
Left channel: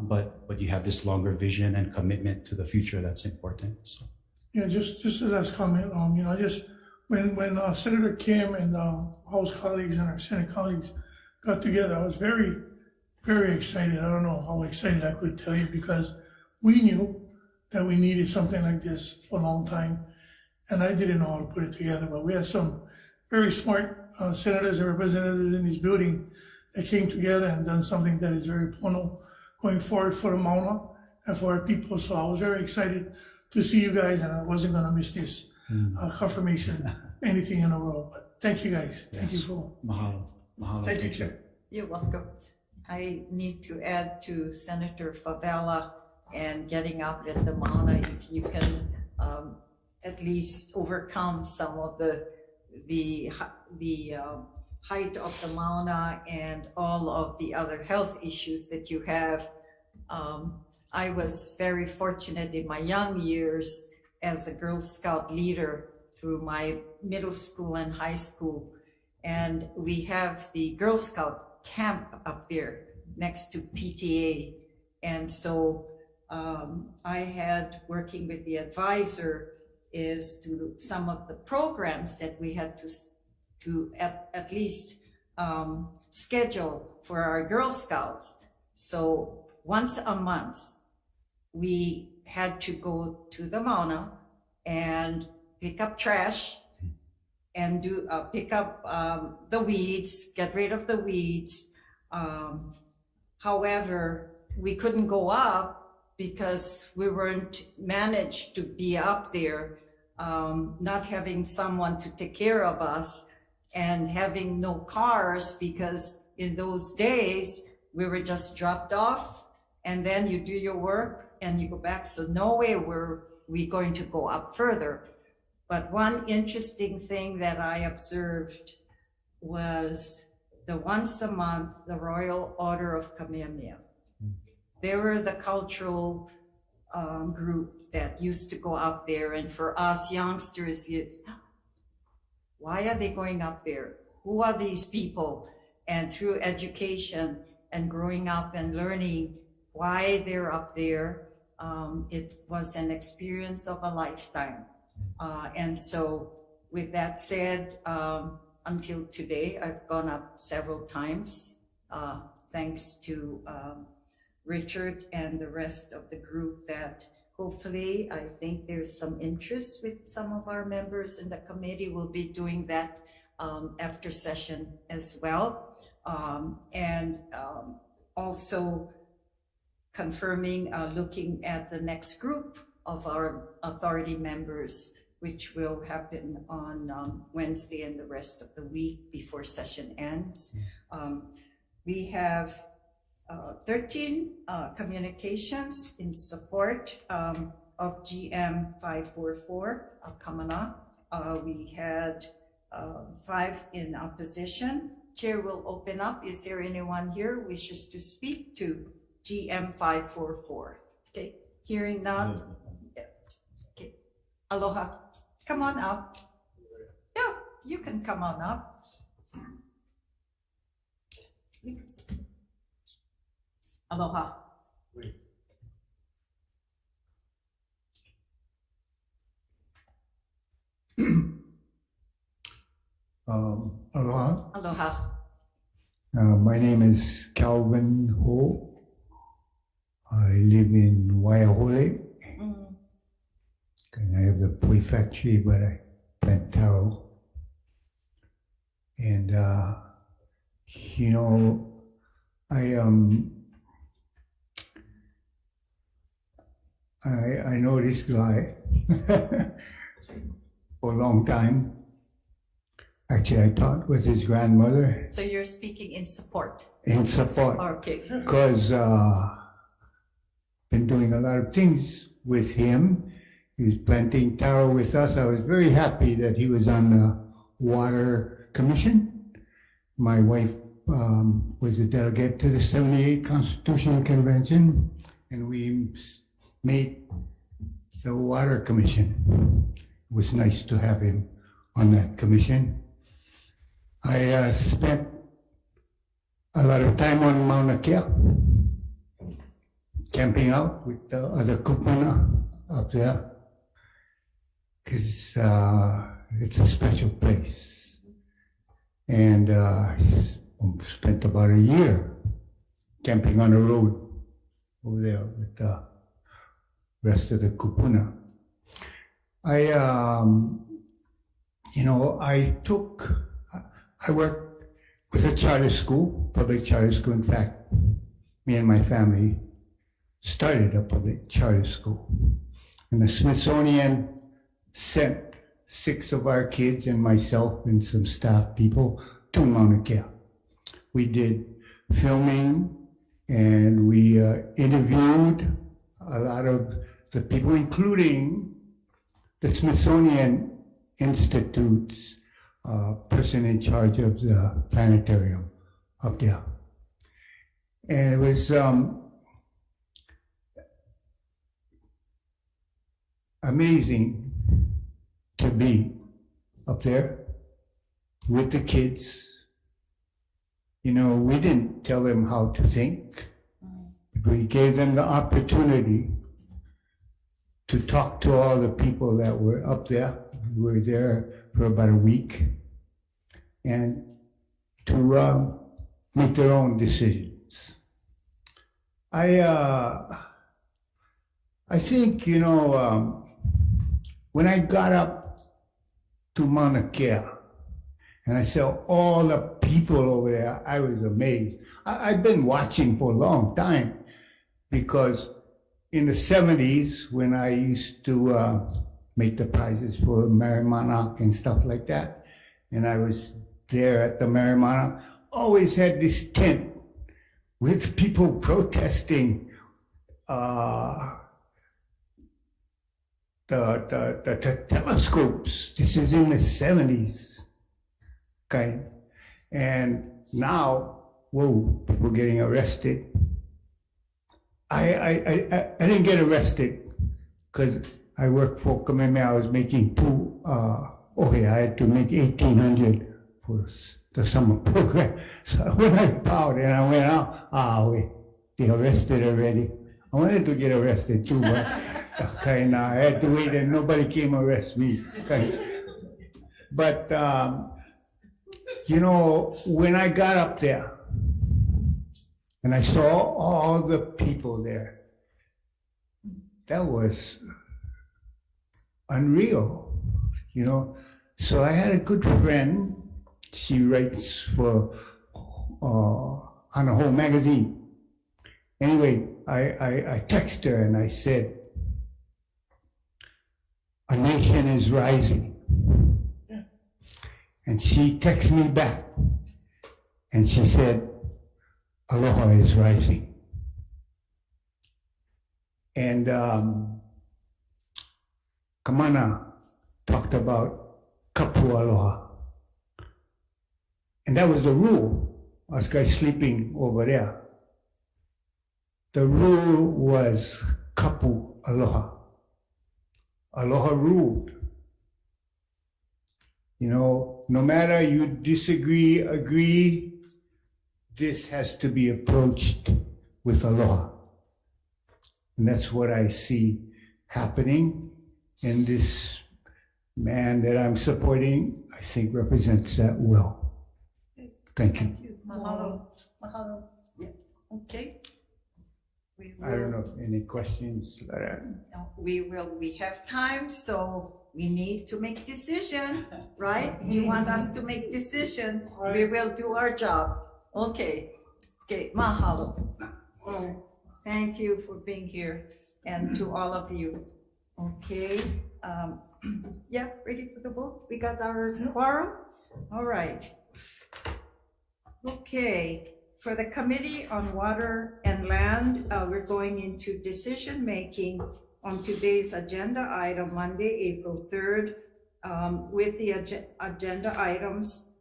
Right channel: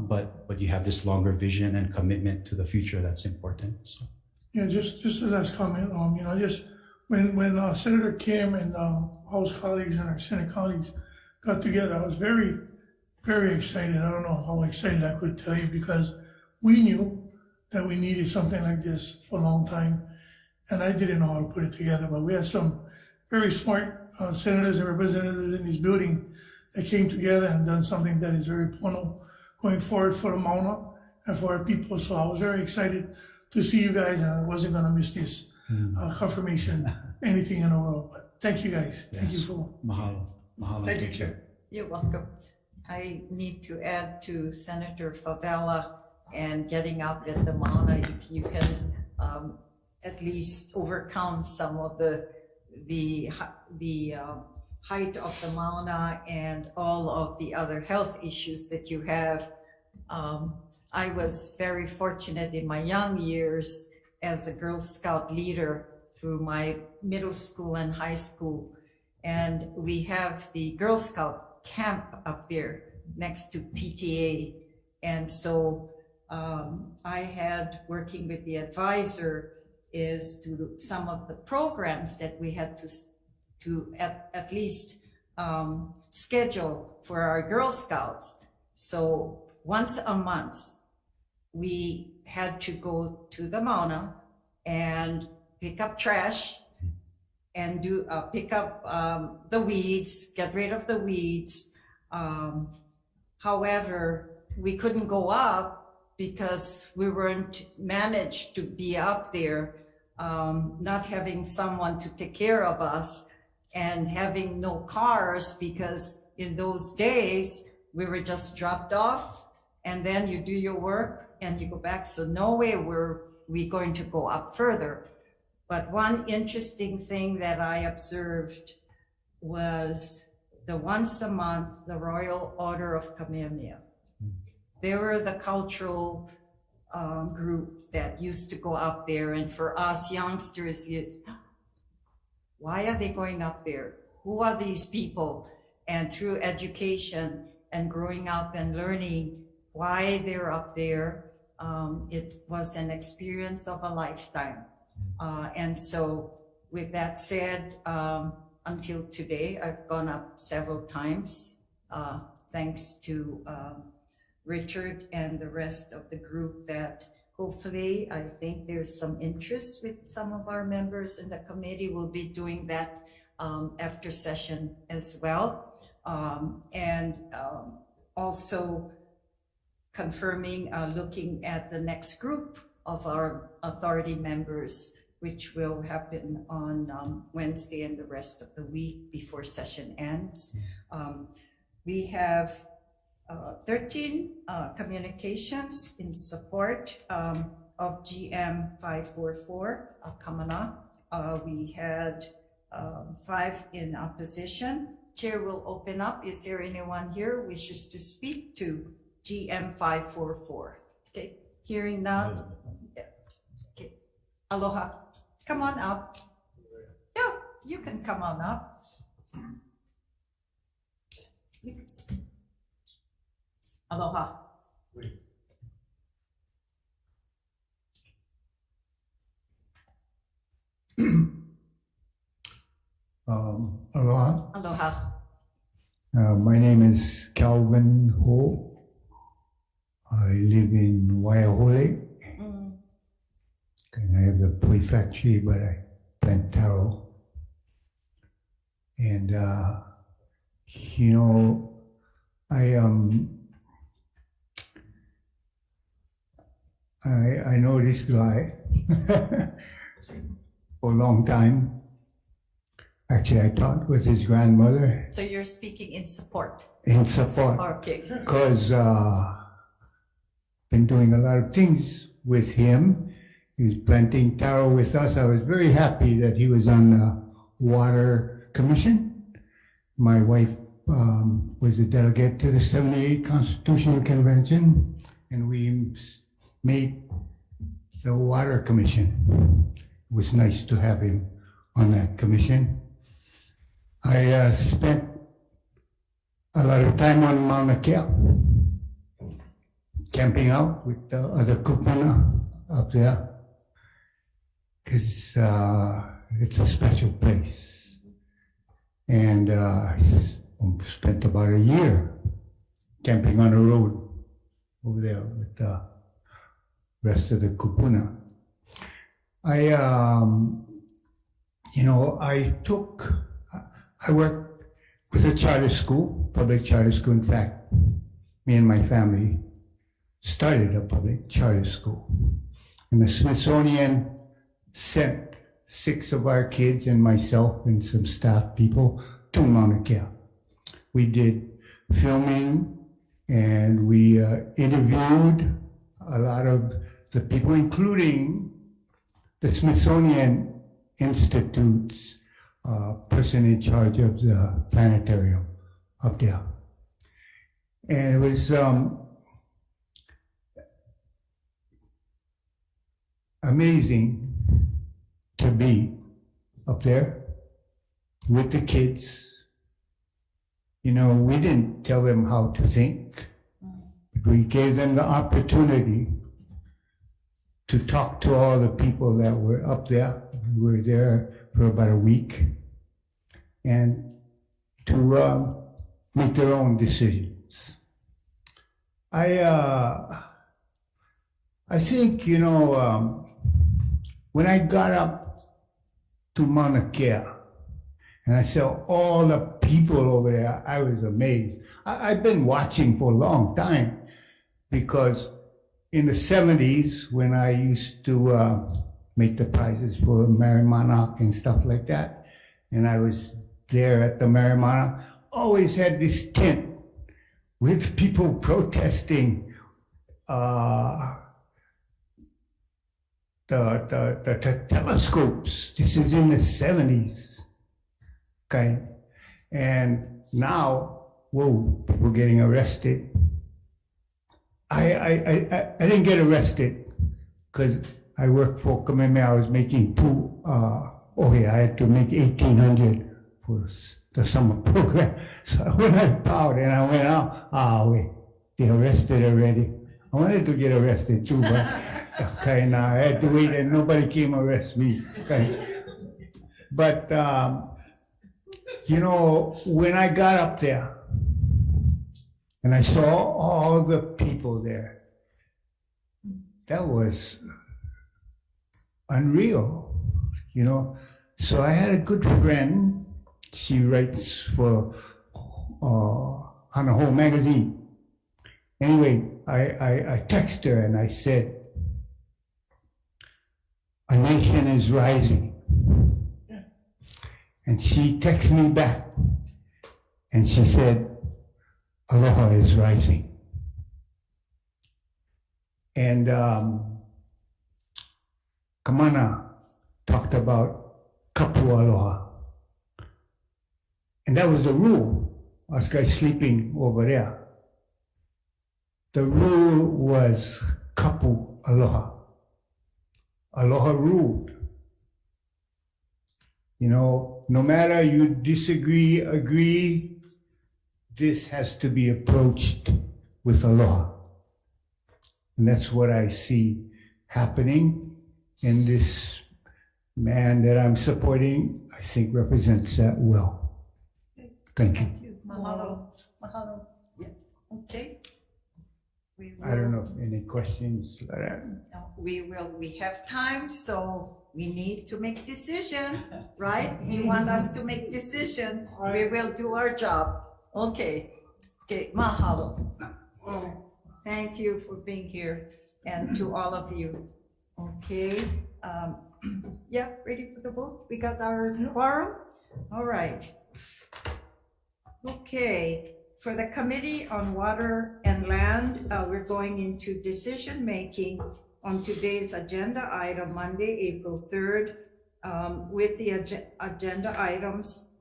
but you have this longer vision and commitment to the future that's important. So. Yeah, just a last comment. Just when Senator Kim and House colleagues and our Senate colleagues got together, I was very, very excited. I don't know how excited I could tell you, because we knew that we needed something like this for a long time, and I didn't know how to put it together. But we had some very smart senators and representatives in this building that came together and done something that is very pono going forward for the Mauna and for our people. So I was very excited to see you guys, and I wasn't going to miss this confirmation, anything in the world. But thank you guys. Thank you for. Mahalo. Mahalo. Thank you, Chair. You're welcome. I need to add to Senator Favela and getting up at the Mauna, if you can at least overcome some of the height of the Mauna and all of the other health issues that you have. I was very fortunate in my young years as a Girl Scout leader through my middle school and high school. And we have the Girl Scout camp up there next to PTA. And so I had, working with the advisor, is to some of the programs that we had to at least schedule for our Girl Scouts. So once a month, we had to go to the Mauna and pick up trash and do pick up the weeds, get rid of the weeds. However, we couldn't go up because we weren't managed to be up there, not having someone to take care of us and having no cars, because in those days we were just dropped off and then you do your work and you go back. So no way were we going to go up further. But one interesting thing that I observed was the once a month, the Royal Order of Kamehameha. They were the cultural group that used to go up there. And for us youngsters, why are they going up there? Who are these people? And through education and growing up and learning why they're up there, it was an experience of a lifetime. And so with that said, until today, I've gone up several times, thanks to Richard and the rest of the group, that hopefully, I think there's some interest with some of our members in the committee. We'll be doing that after session as well. And also confirming, looking at the next group of our authority members, which will happen on Wednesday and the rest of the week before session ends. We have 13 communications in support of GM 544, Kamana. We had 5 in opposition. Chair will open up. Is there anyone here who wishes to speak to GM 544? Okay, hearing none. Okay, aloha. Come on up. Yeah, you can come on up. Aloha. Aloha. Aloha. My name is Calvin Ho. I live in Waiahole. And I have the poi factory, but I plant taro. And, you know, I know this guy for a long time. Actually, I taught with his grandmother. So you're speaking in support? In support. Okay. Because been doing a lot of things with him. He's planting taro with us. I was very happy that he was on the Water Commission. My wife was a delegate to the 78 Constitutional Convention, and we made the Water Commission. It was nice to have him on that commission. I spent a lot of time on Mauna Kea, camping out with the other kupuna up there, because it's a special place. And spent about a year camping on the road over there with the rest of the kupuna. I worked with a charter school, public charter school. In fact, me and my family started a public charter school. And the Smithsonian sent 6 of our kids and myself and some staff people to Mauna Kea. We did filming and we interviewed a lot of the people, including the Smithsonian Institute's person in charge of the planetarium up there. And it was amazing to be up there with the kids. You know, we didn't tell them how to think, but we gave them the opportunity to talk to all the people that were up there. We were there for about a week, and to make their own decisions. I think, when I got up to Mauna Kea and I saw all the people over there, I was amazed. I've been watching for a long time, because in the 70s, when I used to make the prizes for Marimanok and stuff like that, and I was there at the Marimanok, always had this tent with people protesting the telescopes. This is in the 70s, okay? And now, whoa, people getting arrested. I didn't get arrested because I worked for Kamehameha. I was making I had to make 1,800 for the summer program. So when I bowed and I went out, wait, they arrested already. I wanted to get arrested too, but I had to wait and nobody came arrest me. Okay. But, when I got up there and I saw all the people there, that was unreal, So I had a good friend. She writes for on a whole magazine. Anyway, I texted her and I said, "A nation is rising." And she texted me back and she said, "Aloha is rising." And Kamana talked about kapu aloha. And that was the rule. Us guys sleeping over there. The rule was kapu aloha. Aloha ruled. No matter you disagree, agree, this has to be approached with aloha. And that's what I see happening. And this man that I'm supporting, I think, represents that well. Thank you. Mahalo. Mahalo. Yeah. Okay. I don't know if any questions. No, we have time, so we need to make decision, right? You want us to make decision, we will do our job. Okay, mahalo. Thank you for being here, and to all of you. Okay, yeah, ready for the vote? We got our quorum? All right. Okay, for the Committee on Water and Land, we're going into decision-making on today's agenda item, Monday, April 3rd. With the agenda items,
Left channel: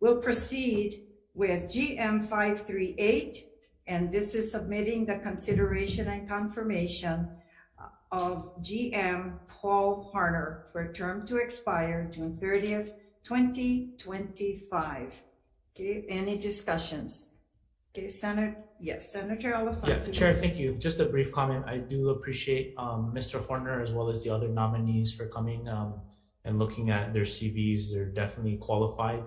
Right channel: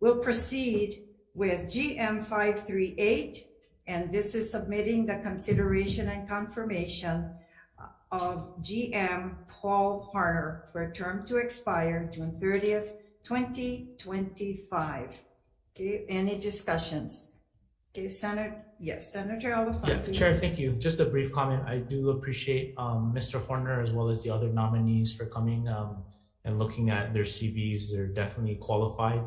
we'll proceed with GM 538, and this is submitting the consideration and confirmation of GM Paul Harner for a term to expire June 30th, 2025. Okay, any discussions? Okay, Senator Yeah, Elefante. Chair, thank you. Just a brief comment. I do appreciate Mr. Horner as well as the other nominees for coming and looking at their CVs. They're definitely qualified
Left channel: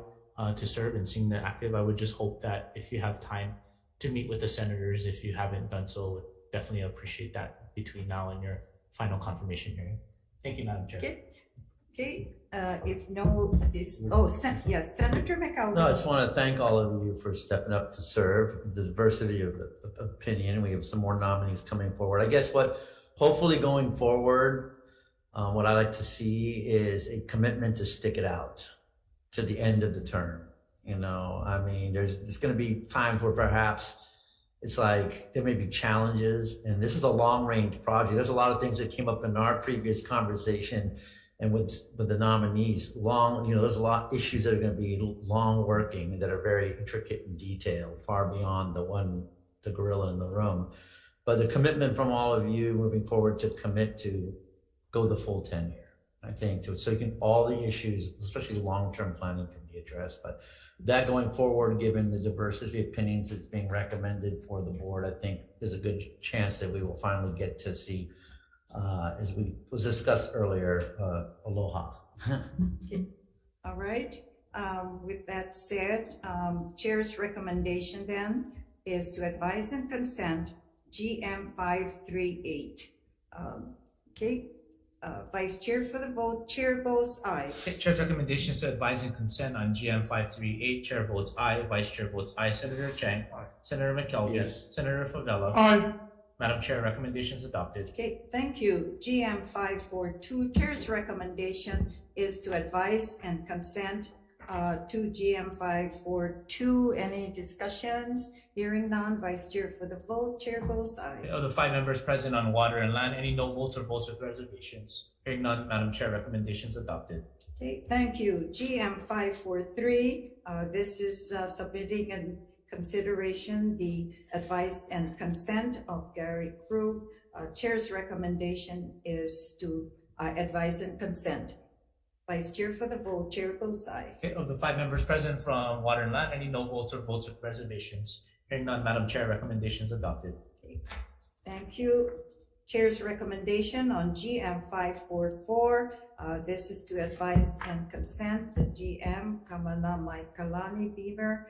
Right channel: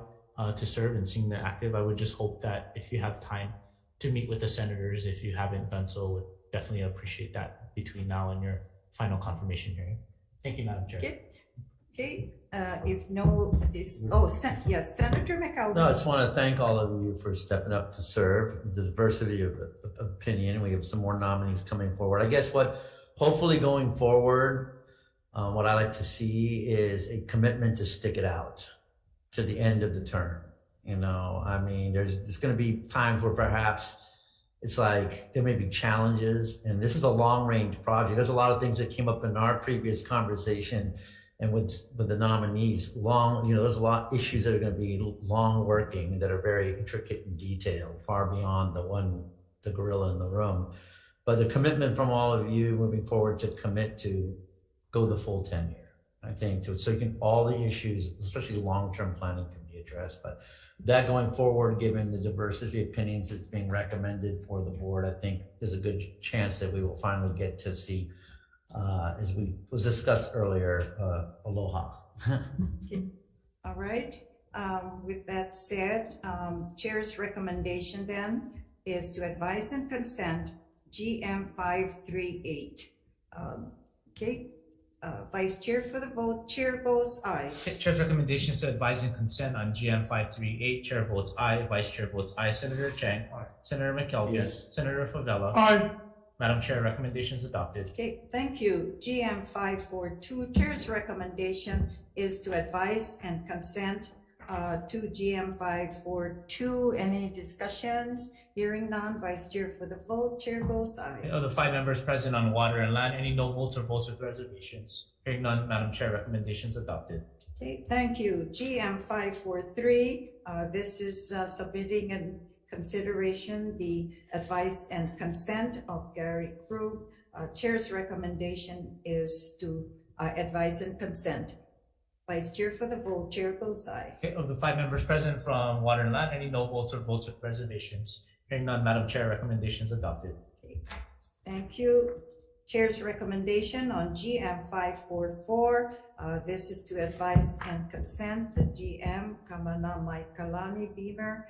to serve and seeing they're active. I would just hope that if you have time to meet with the senators, if you haven't done so, would definitely appreciate that between now and your final confirmation hearing. Thank you, Madam Chair. Okay, if no, yes, Senator McAlvin. No, I just want to thank all of you for stepping up to serve. The diversity of opinion. We have some more nominees coming forward. I guess hopefully going forward, what I like to see is a commitment to stick it out to the end of the term. You know, I mean, there's going to be times where perhaps it's like there may be challenges, and this is a long-range project. There's a lot of things that came up in our previous conversation, and with the nominees, there's a lot of issues that are going to be long working that are very intricate and detailed, far beyond the gorilla in the room. But the commitment from all of you moving forward to commit to go the full 10 year, I think, so all the issues, especially long-term planning, can be addressed. But that going forward, given the diversity of opinions that's being recommended for the board, I think there's a good chance that we will finally get to see, as was discussed earlier, aloha. All right. With that said, Chair's recommendation then is to advise and consent GM 538. Okay. Vice Chair for the vote. Chair votes aye. Chair's recommendations to advise and consent on GM 538. Chair votes aye. Vice Chair votes aye. Senator Chang. Aye. Senator McKelvey. Yes. Senator Favela. Aye. Madam Chair, recommendations adopted. Okay, thank you. GM 542. Chair's recommendation is to advise and consent to GM 542. Any discussions? Hearing none. Vice Chair for the vote. Chair votes aye. Of the 5 members present on water and land, any no votes or votes with reservations? Hearing none, Madam Chair, recommendations adopted. Okay, thank you. GM 543. This is submitting in consideration the advice and consent of Gary Krug. Chair's recommendation is to advise and consent. Vice Chair for the vote. Chair goes aye. Okay, of the 5 members present from water and land, any no votes or votes with reservations? Hearing none, Madam Chair, recommendations adopted. Okay. Thank you. Chair's recommendation on GM 544. This is to advise and consent the GM Kamana Maikalani Beamer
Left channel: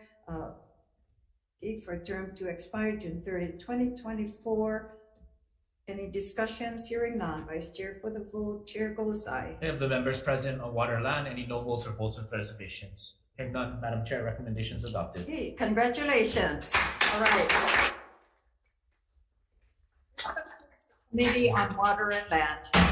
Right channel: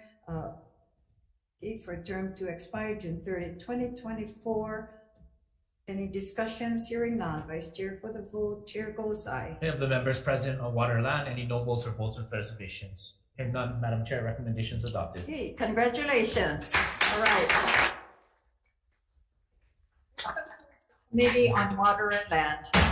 for a term to expire June 30, 2024. Any discussions? Hearing none. Vice Chair for the vote. Chair goes aye. Okay, of the members present on water and land, any no votes or votes with reservations? Hearing none, Madam Chair, recommendations adopted. Okay, congratulations. All right. Committee on Water and Land.